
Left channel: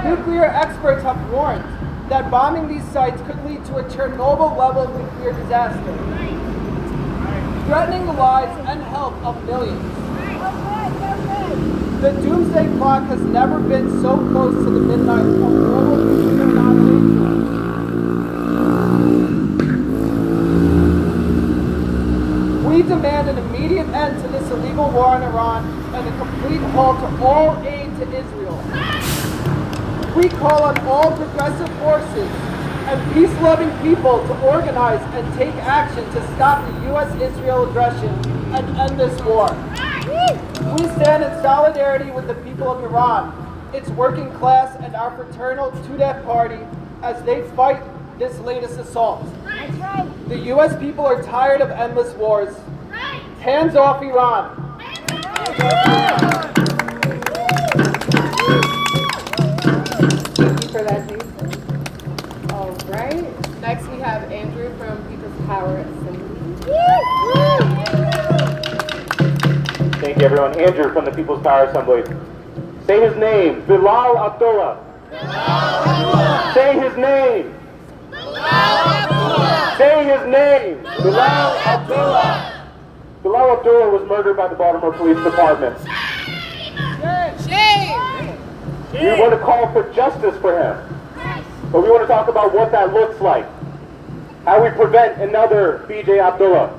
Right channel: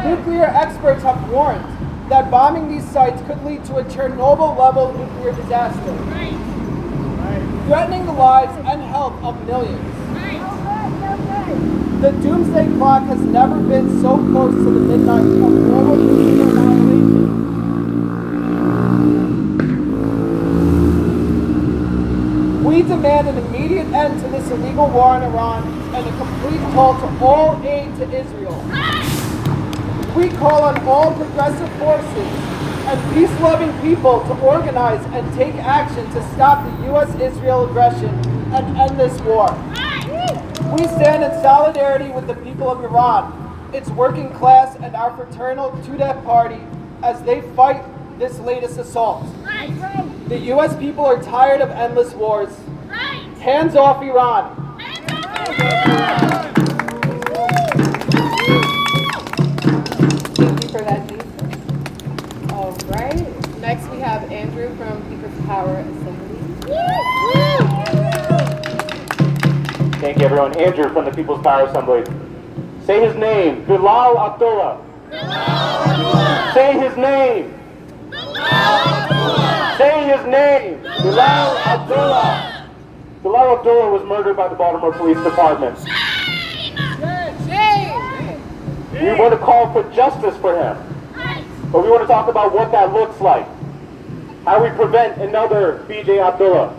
Nuclear experts have warned that bombing these sites could lead to a Chernobyl-level nuclear disaster, threatening the lives and health of millions. The doomsday clock has never been so close to the midnight of global nuclear annihilation. We demand an immediate end to this illegal war in Iran and a complete halt to all aid to Israel. We call on all progressive forces and peace-loving people to organize and take action to stop the U.S.-Israel aggression and end this war. We stand in solidarity with the people of Iran, its working class, and our fraternal Tudeh party as they fight this latest assault. The U.S. people are tired of endless wars. Hands off Iran. Thank you for that, Keith. All right. Next, we have Andrew from People's Power Assembly. Thank you, everyone. Andrew from the People's Power Assembly. Say his name, Bilal Abdullah. Say his name. Say his name, Bilal Abdullah. Bilal Abdullah was murdered by the Baltimore Police Department. We want to call for justice for him. But we want to talk about what that looks like. How we prevent another B.J. Abdullah.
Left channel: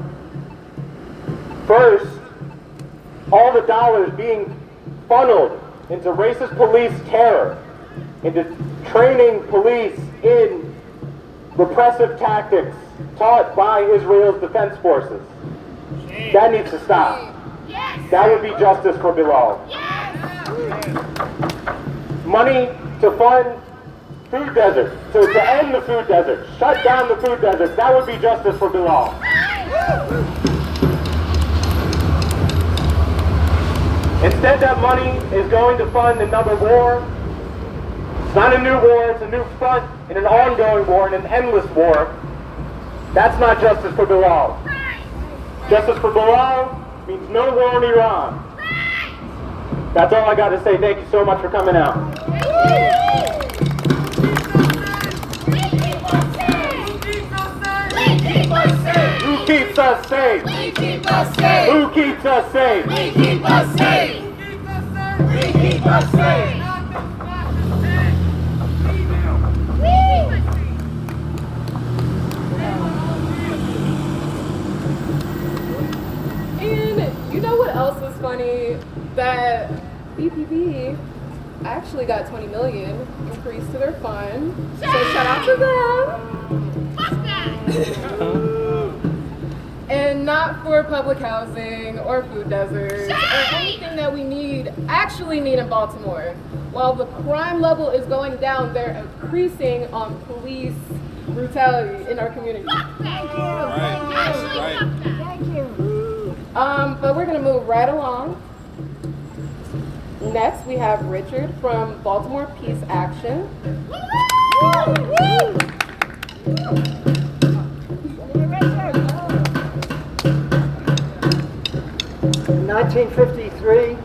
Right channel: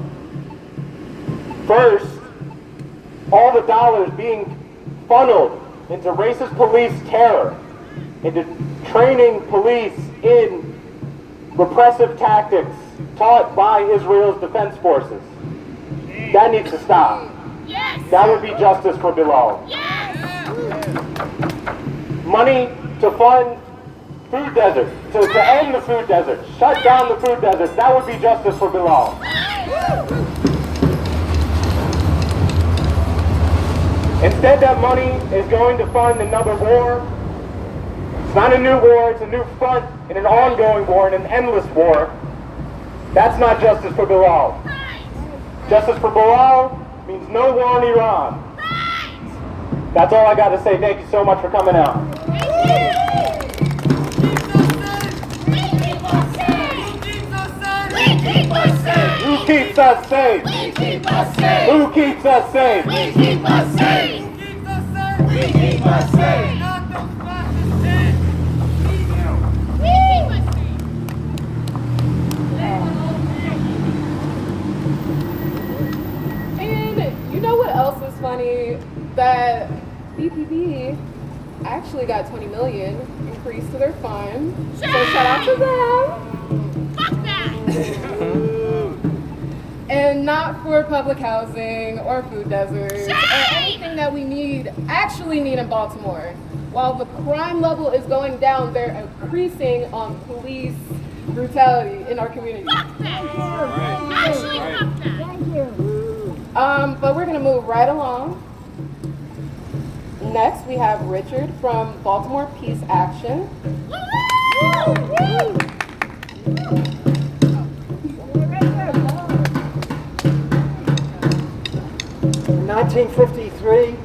First, all the dollars being funneled into racist police terror, into training police in repressive tactics taught by Israel's defense forces. That needs to stop. That would be justice for Bilal. Money to fund food desert, to end the food desert, shut down the food desert. That would be justice for Bilal. Instead, that money is going to fund another war. It's not a new war, it's a new front in an ongoing war, in an endless war. That's not justice for Bilal. Justice for Bilal means no war in Iran. That's all I got to say. Thank you so much for coming out. Who keeps us safe? We keep us safe. Who keeps us safe? We keep us safe. We keep us safe. And you know what else is funny? That EPP actually got $20 million increase to their fund. So shout out to them. And not for public housing or food deserts or anything that we actually need in Baltimore. While the crime level is going down, they're increasing on police brutality in our community. Thank you. But we're gonna move right along. Next, we have Richard from Baltimore Peace Action. In 1953,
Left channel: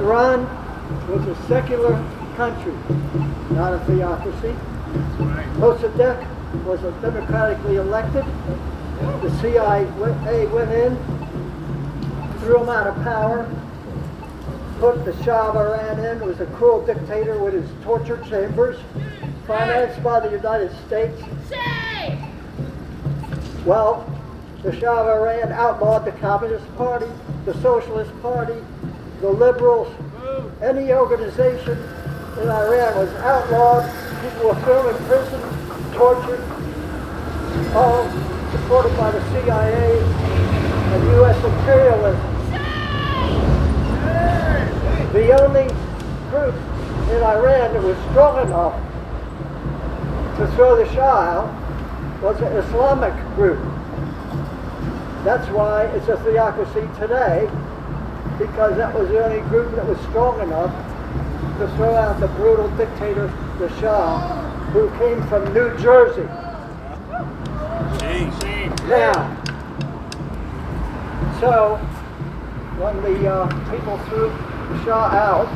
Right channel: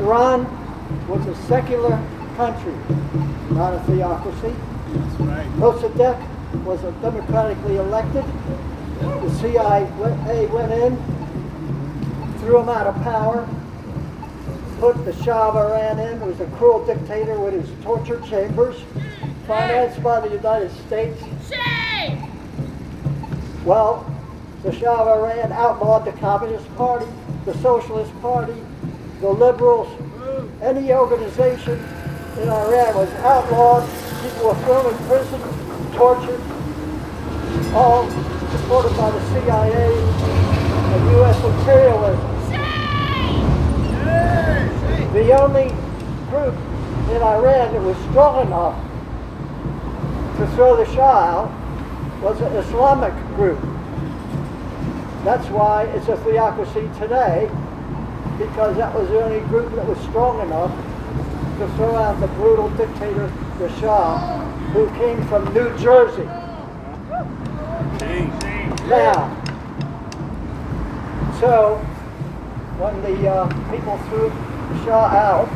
Iran was a secular country, not a theocracy. Mossadegh was democratically elected. The CIA went in, threw him out of power, put the Shah of Iran in, who was a cruel dictator with his torture chambers, financed by the United States. Well, the Shah of Iran outlawed the Communist Party, the Socialist Party, the Liberals. Any organization in Iran was outlawed. People were thrown in prison, tortured, all supported by the CIA and U.S. imperialism. The only group in Iran that was strong enough to throw the Shah out was an Islamic group. That's why it's a theocracy today, because that was the only group that was strong enough to throw out the brutal dictator, the Shah, who came from New Jersey. Now, so when the people threw the Shah out,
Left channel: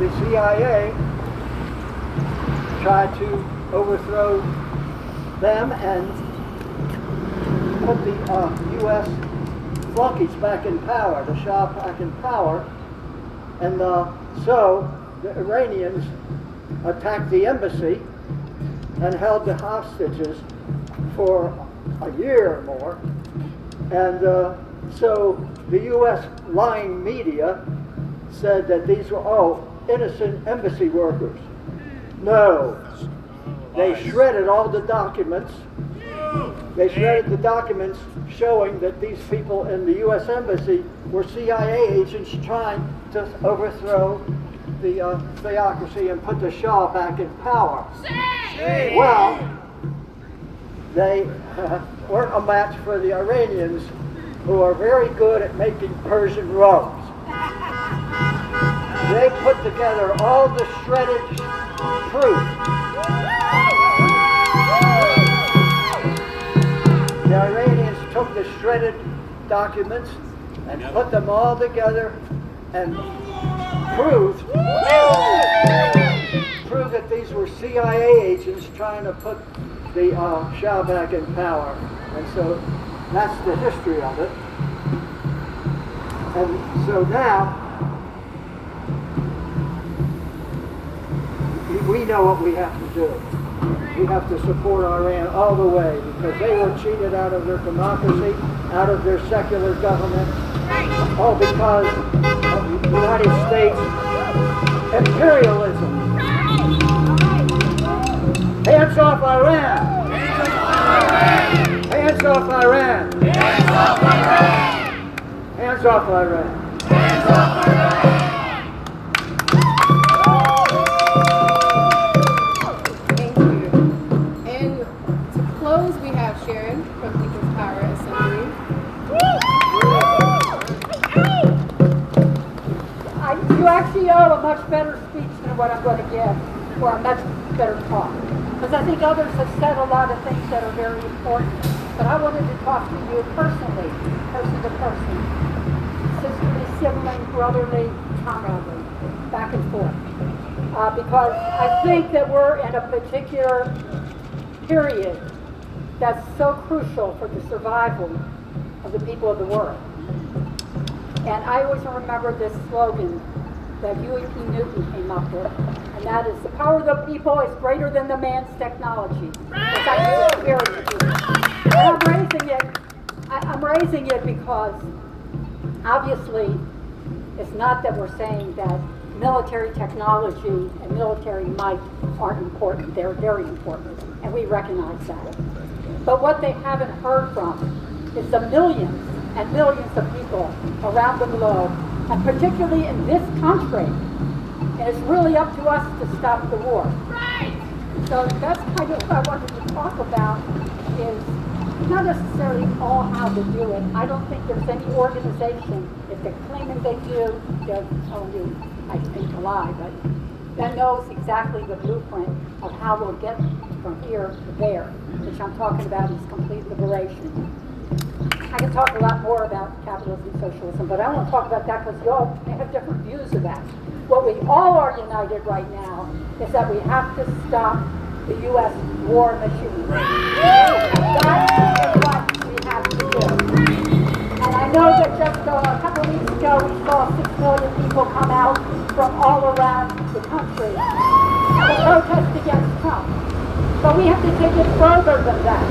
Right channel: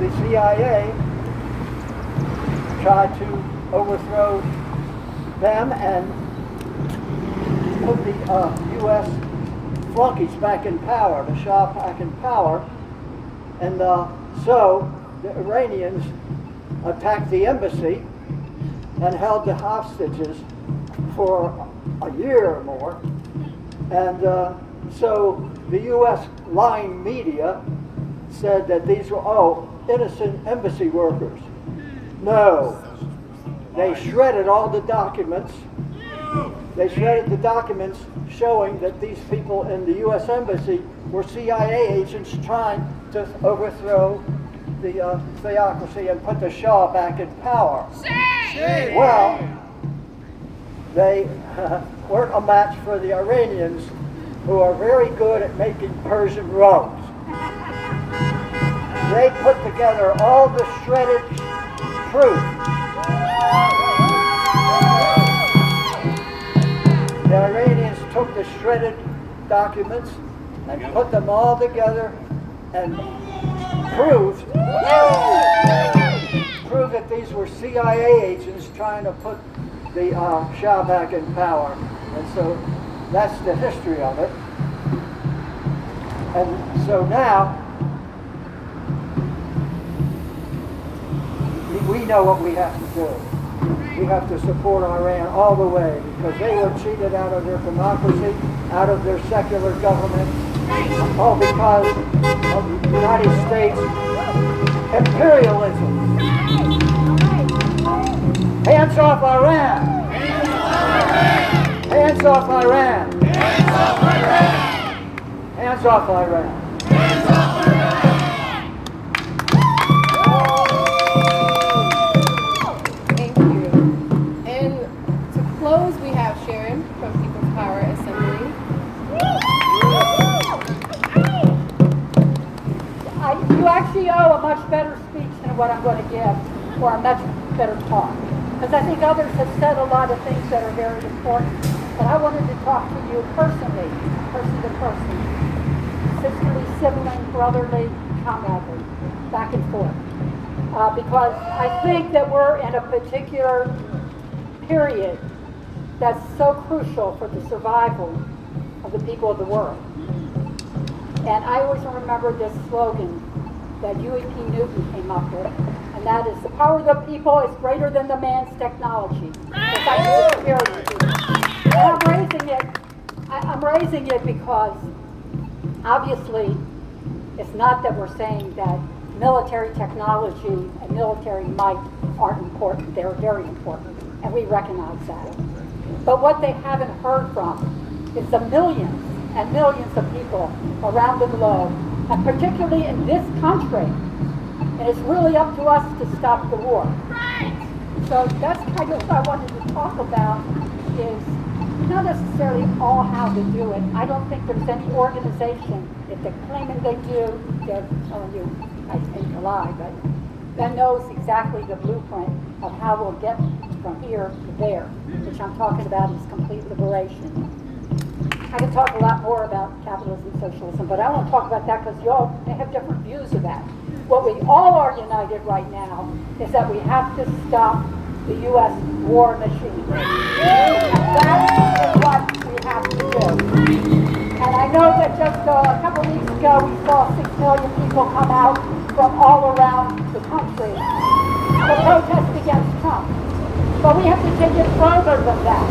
the CIA tried to overthrow them and put the U.S. flunkies back in power, the Shah back in power, and so the Iranians attacked the embassy and held the hostages for a year or more, and so the U.S. lying media said that these were, innocent embassy workers. No, they shredded all the documents. They shredded the documents showing that these people in the U.S. Embassy were CIA agents trying to overthrow the theocracy and put the Shah back in power. Well, they weren't a match for the Iranians, who are very good at making Persian robes. They put together all the shredded proof. The Iranians took the shredded documents and put them all together and proved that these were CIA agents trying to put the Shah back in power. And so that's the history of it. And so now we know what we have to do. We have to support Iran all the way, because they were cheated out of their democracy, out of their secular government, all because of the United States imperialism. Hands off Iran! Hands off Iran! Hands off Iran! Hands off Iran! Hands off Iran! We have Sharon from People's Power Assembly. You actually owe a much better speech than what I'm going to give, or a much better talk. Because I think others have said a lot of things that are very important. But I wanted to talk to you personally, person to person. Sisterly, sibling, brotherly, comradely, back and forth. Because I think that we're in a particular period that's so crucial for the survival of the people of the world. And I always remember this slogan that Huey P. Newton came up with, and that is, the power of the people is greater than the man's technology. And I'm raising it because obviously it's not that we're saying that military technology and military might aren't important. They're very important, and we recognize that. But what they haven't heard from is the millions and millions of people around the globe, and particularly in this country. And it's really up to us to stop the war. Right. So that's kind of what I wanted to talk about, is not necessarily all how to do it. I don't think there's any organization, if they're claiming they do, they're telling you, I think, a lie, but that knows exactly the blueprint of how we'll get from here to there, which I'm talking about is complete liberation. I can talk a lot more about capitalism and socialism, but I won't talk about that because you all have different views of that. What we all are united right now is that we have to stop the U.S. war machine. And that is what we have to do. And I know that just a couple weeks ago we saw 6 million people come out from all around the country to protest against Trump. But we have to take it further than that.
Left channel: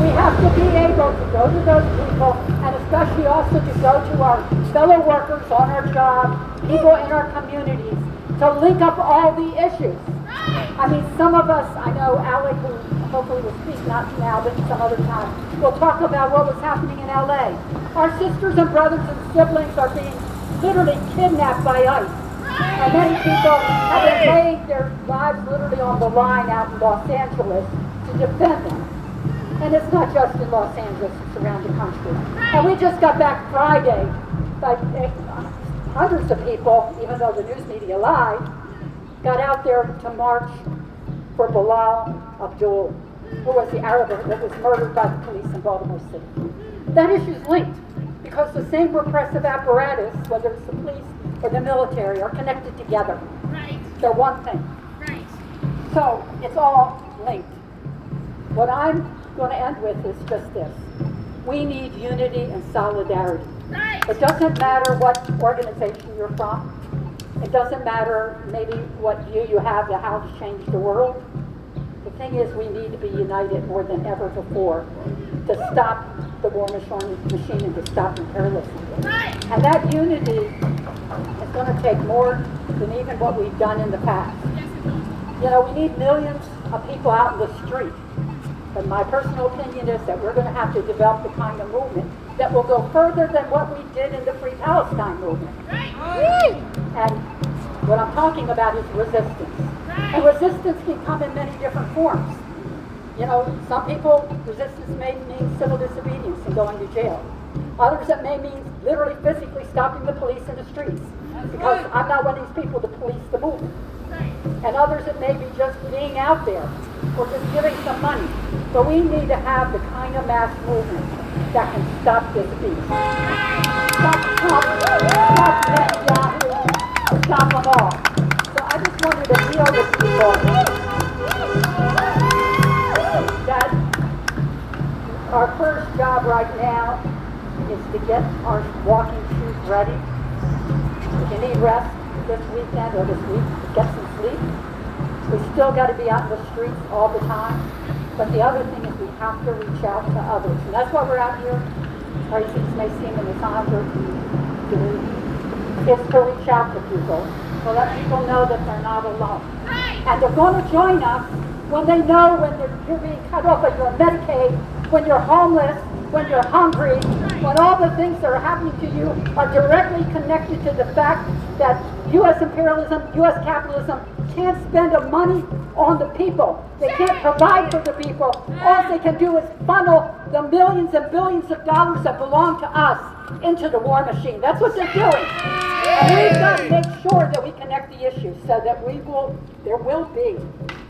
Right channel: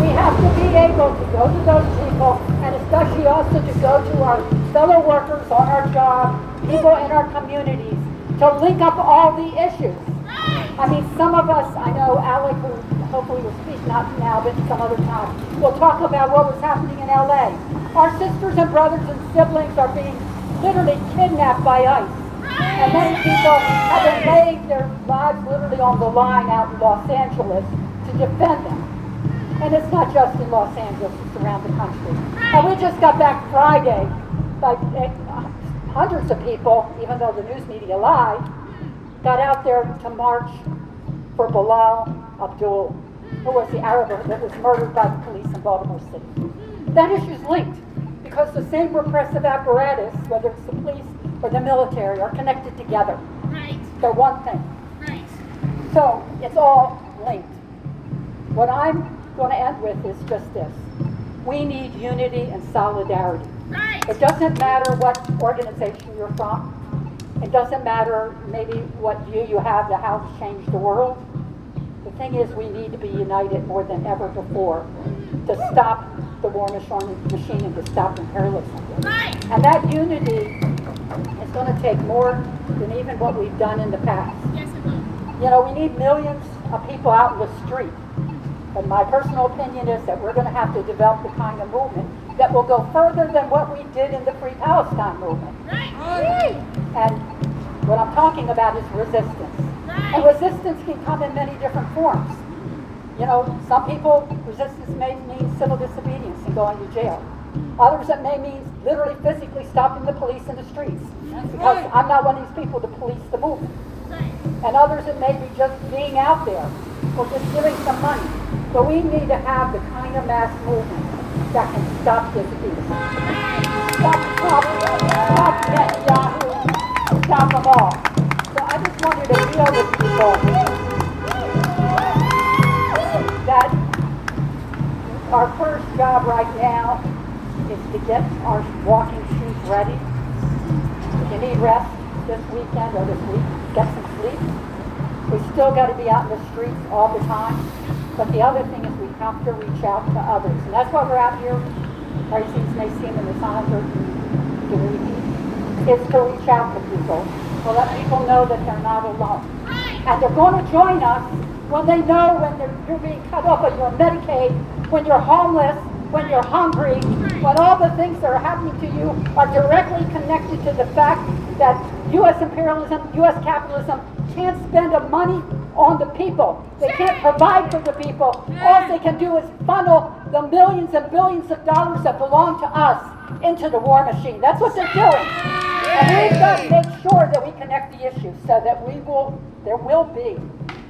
We have to be able to go to those people, and especially also to go to our fellow workers on our job, people in our communities, to link up all the issues. I mean, some of us, I know Alec, who hopefully will speak, not now, but some other time, will talk about what was happening in LA. Our sisters and brothers and siblings are being literally kidnapped by ICE. And many people have been laying their lives literally on the line out in Los Angeles to defend them. And it's not just in Los Angeles, it's around the country. And we just got back Friday, like hundreds of people, even though the news media lied, got out there to march for Bilal Abdul, who was the Arab that was murdered by the police in Baltimore City. That issue's linked because the same repressive apparatus, whether it's the police or the military, are connected together. Right. They're one thing. Right. So it's all linked. What I'm going to end with is just this. We need unity and solidarity. Right. It doesn't matter what organization you're from. It doesn't matter maybe what view you have to how to change the world. The thing is, we need to be united more than ever before to stop the war machine and to stop imperialism. Right. And that unity is going to take more than even what we've done in the past. Yes, it will. You know, we need millions of people out in the street. But my personal opinion is that we're going to have to develop the kind of movement that will go further than what we did in the Free Palestine movement. Right. And what I'm talking about is resistance. And resistance can come in many different forms. You know, some people, resistance may mean civil disobedience and going to jail. Others, it may mean literally physically stopping the police in the streets. Because I'm not one of these people to police the movement. And others, it may be just being out there or just giving some money. But we need to have the kind of mass movement that can stop this beast. Stop Trump, stop Netanyahu, stop them all. So I just wanted to appeal to people that our first job right now is to get our walking shoes ready. If you need rest this weekend or this week, get some sleep. We still got to be out in the streets all the time. But the other thing is we have to reach out to others. And that's why we're out here. Or things may seem in this 100 is to reach out to people. To let people know that they're not alone. And they're going to join us when they know when you're being cut off of your Medicaid, when you're homeless, when you're hungry, when all the things that are happening to you are directly connected to the fact that U.S. imperialism, U.S. capitalism can't spend the money on the people. They can't provide for the people. All they can do is funnel the millions and billions of dollars that belong to us into the war machine. That's what they're doing. And we've got to make sure that we connect the issues so that there will be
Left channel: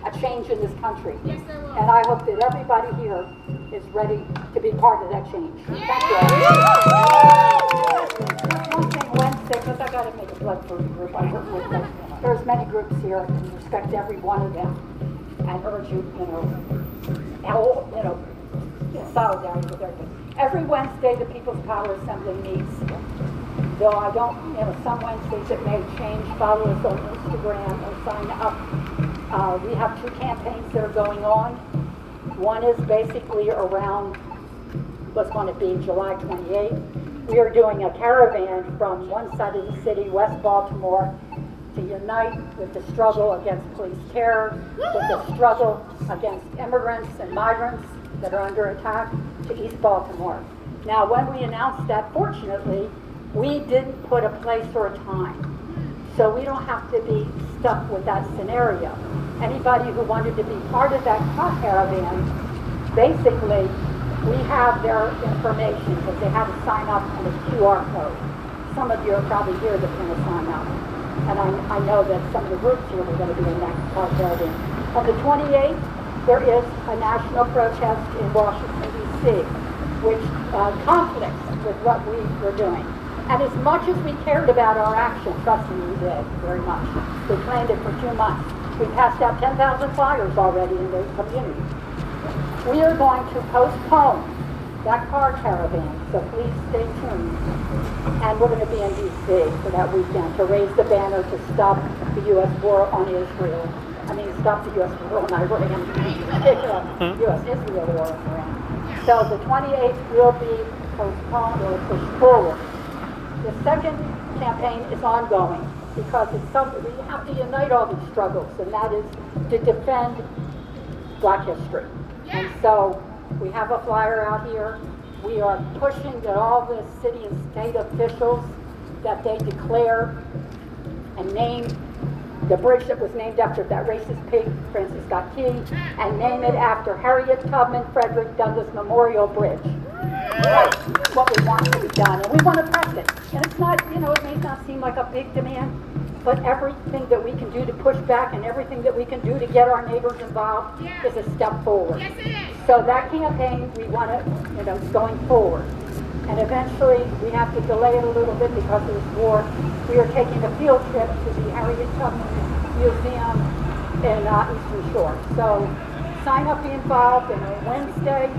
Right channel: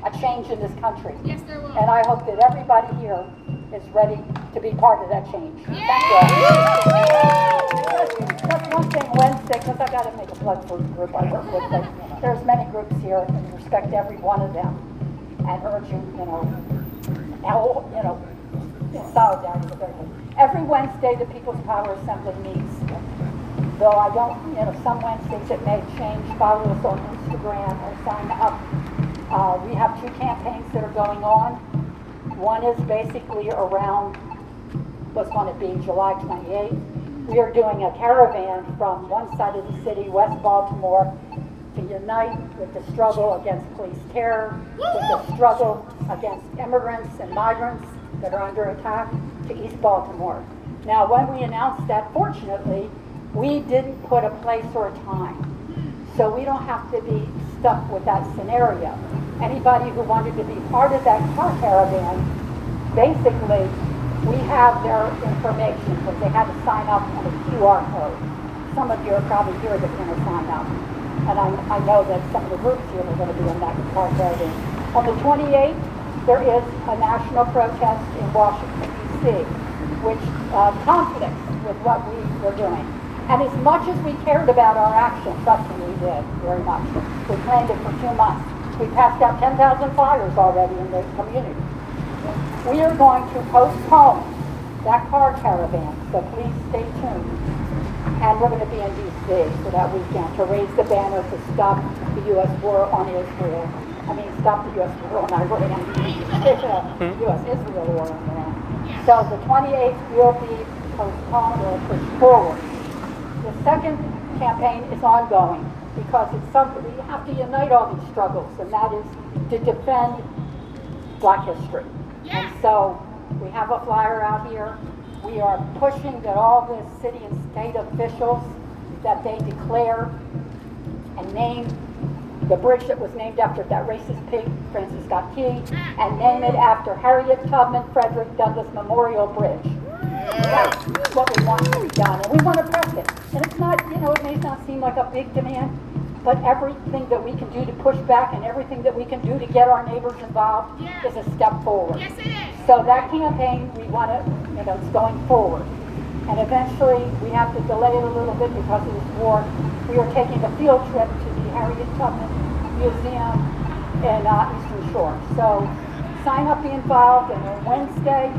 a change in this country. Yes, there will. And I hope that everybody here is ready to be part of that change. Thank you. That's one thing Wednesday, because I got to make a blood group. I work with them. There's many groups here, and respect every one of them, and urge you, in solidarity with everybody. Every Wednesday, the People's Power Assembly meets. Though I don't, some Wednesdays it may change. Follow us on Instagram or sign up. We have 2 campaigns that are going on. One is basically around, what's going to be July 28th. We are doing a caravan from one side of the city, West Baltimore, to unite with the struggle against police terror, with the struggle against immigrants and migrants that are under attack, to East Baltimore. Now, when we announced that, fortunately, we didn't put a place or a time. So we don't have to be stuck with that scenario. Anybody who wanted to be part of that caravan, basically, we have their information because they had to sign up on a QR code. Some of you are probably here that going to sign up. And I know that some of the groups here are going to be in that caravan. On the 28th, there is a national protest in Washington, D.C., which conflicts with what we were doing. And as much as we cared about our action, trust me, we did, very much. We planned it for 2 months. We passed out 10,000 flyers already in the community. We are going to postpone that car caravan, so please stay tuned. And we're going to be in D.C. for that weekend to raise the banner to stop the U.S. war on Israel. Stop the U.S. war on Iran. U.S.-Israel war on Iran. So the 28th will be postponed or pushed forward. The second campaign is ongoing because it's something we have to unite all these struggles, and that is to defend Black history. And so we have a flyer out here. We are pushing that all the city and state officials that they declare and name the bridge that was named after that racist pig, Francis Scott Key, and name it after Harriet Tubman Frederick Douglass Memorial Bridge. That's what we want to be done, and we want to press it. And it's not, it may not seem like a big demand, but everything that we can do to push back and everything that we can do to get our neighbors involved is a step forward. Yes, it is. So that campaign, we want to, it's going forward. And eventually, we have to delay it a little bit because of this war. We are taking a field trip to the Harriet Tubman Museum in Eastern Shore. So sign up, be involved, and on Wednesday,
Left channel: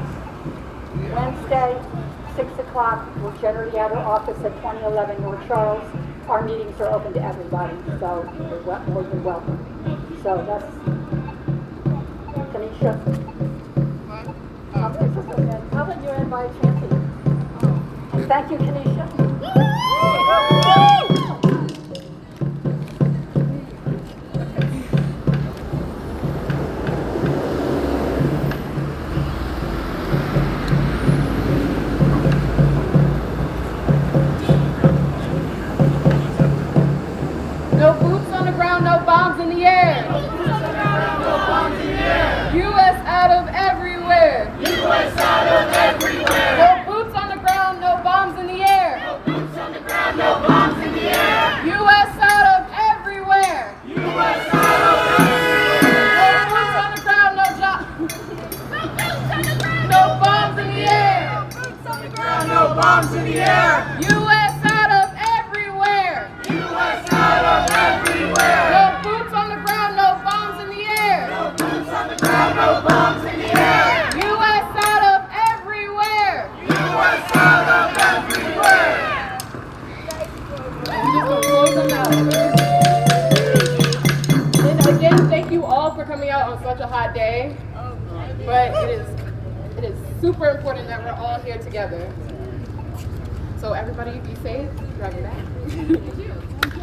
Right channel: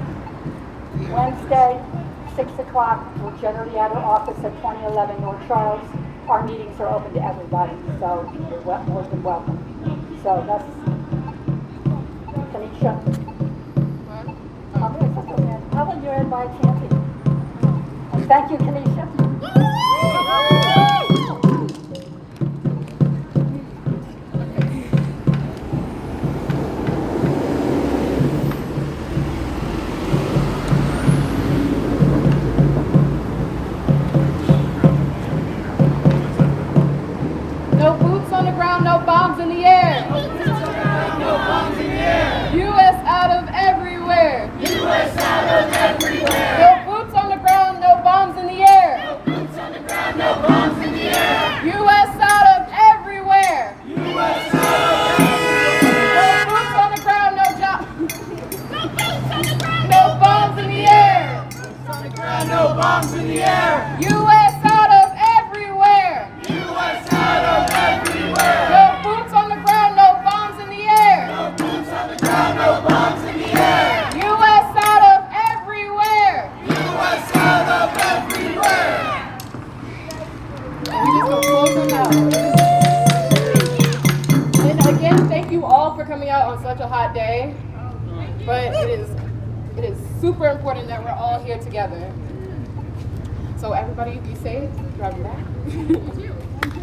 6 o'clock, we're generally at our office at 2011 North Charles. Our meetings are open to everybody, so you're more than welcome. So that's Tanisha. How about you add my chanting? And thank you, Tanisha. No boots on the ground, no bombs in the air. U.S. out of everywhere. U.S. out of everywhere. No boots on the ground, no bombs in the air. No boots on the ground, no bombs in the air. U.S. out of everywhere. U.S. out of everywhere. No boots on the ground, no bombs in the air. Boots on the ground, no bombs in the air. U.S. out of everywhere. U.S. out of everywhere. No boots on the ground, no bombs in the air. No boots on the ground, no bombs in the air. U.S. out of everywhere. U.S. out of everywhere. We just gonna close them out. And again, thank you all for coming out on such a hot day. But it is super important that we're all here together. So everybody be safe, driving back. Thank you. Thank you.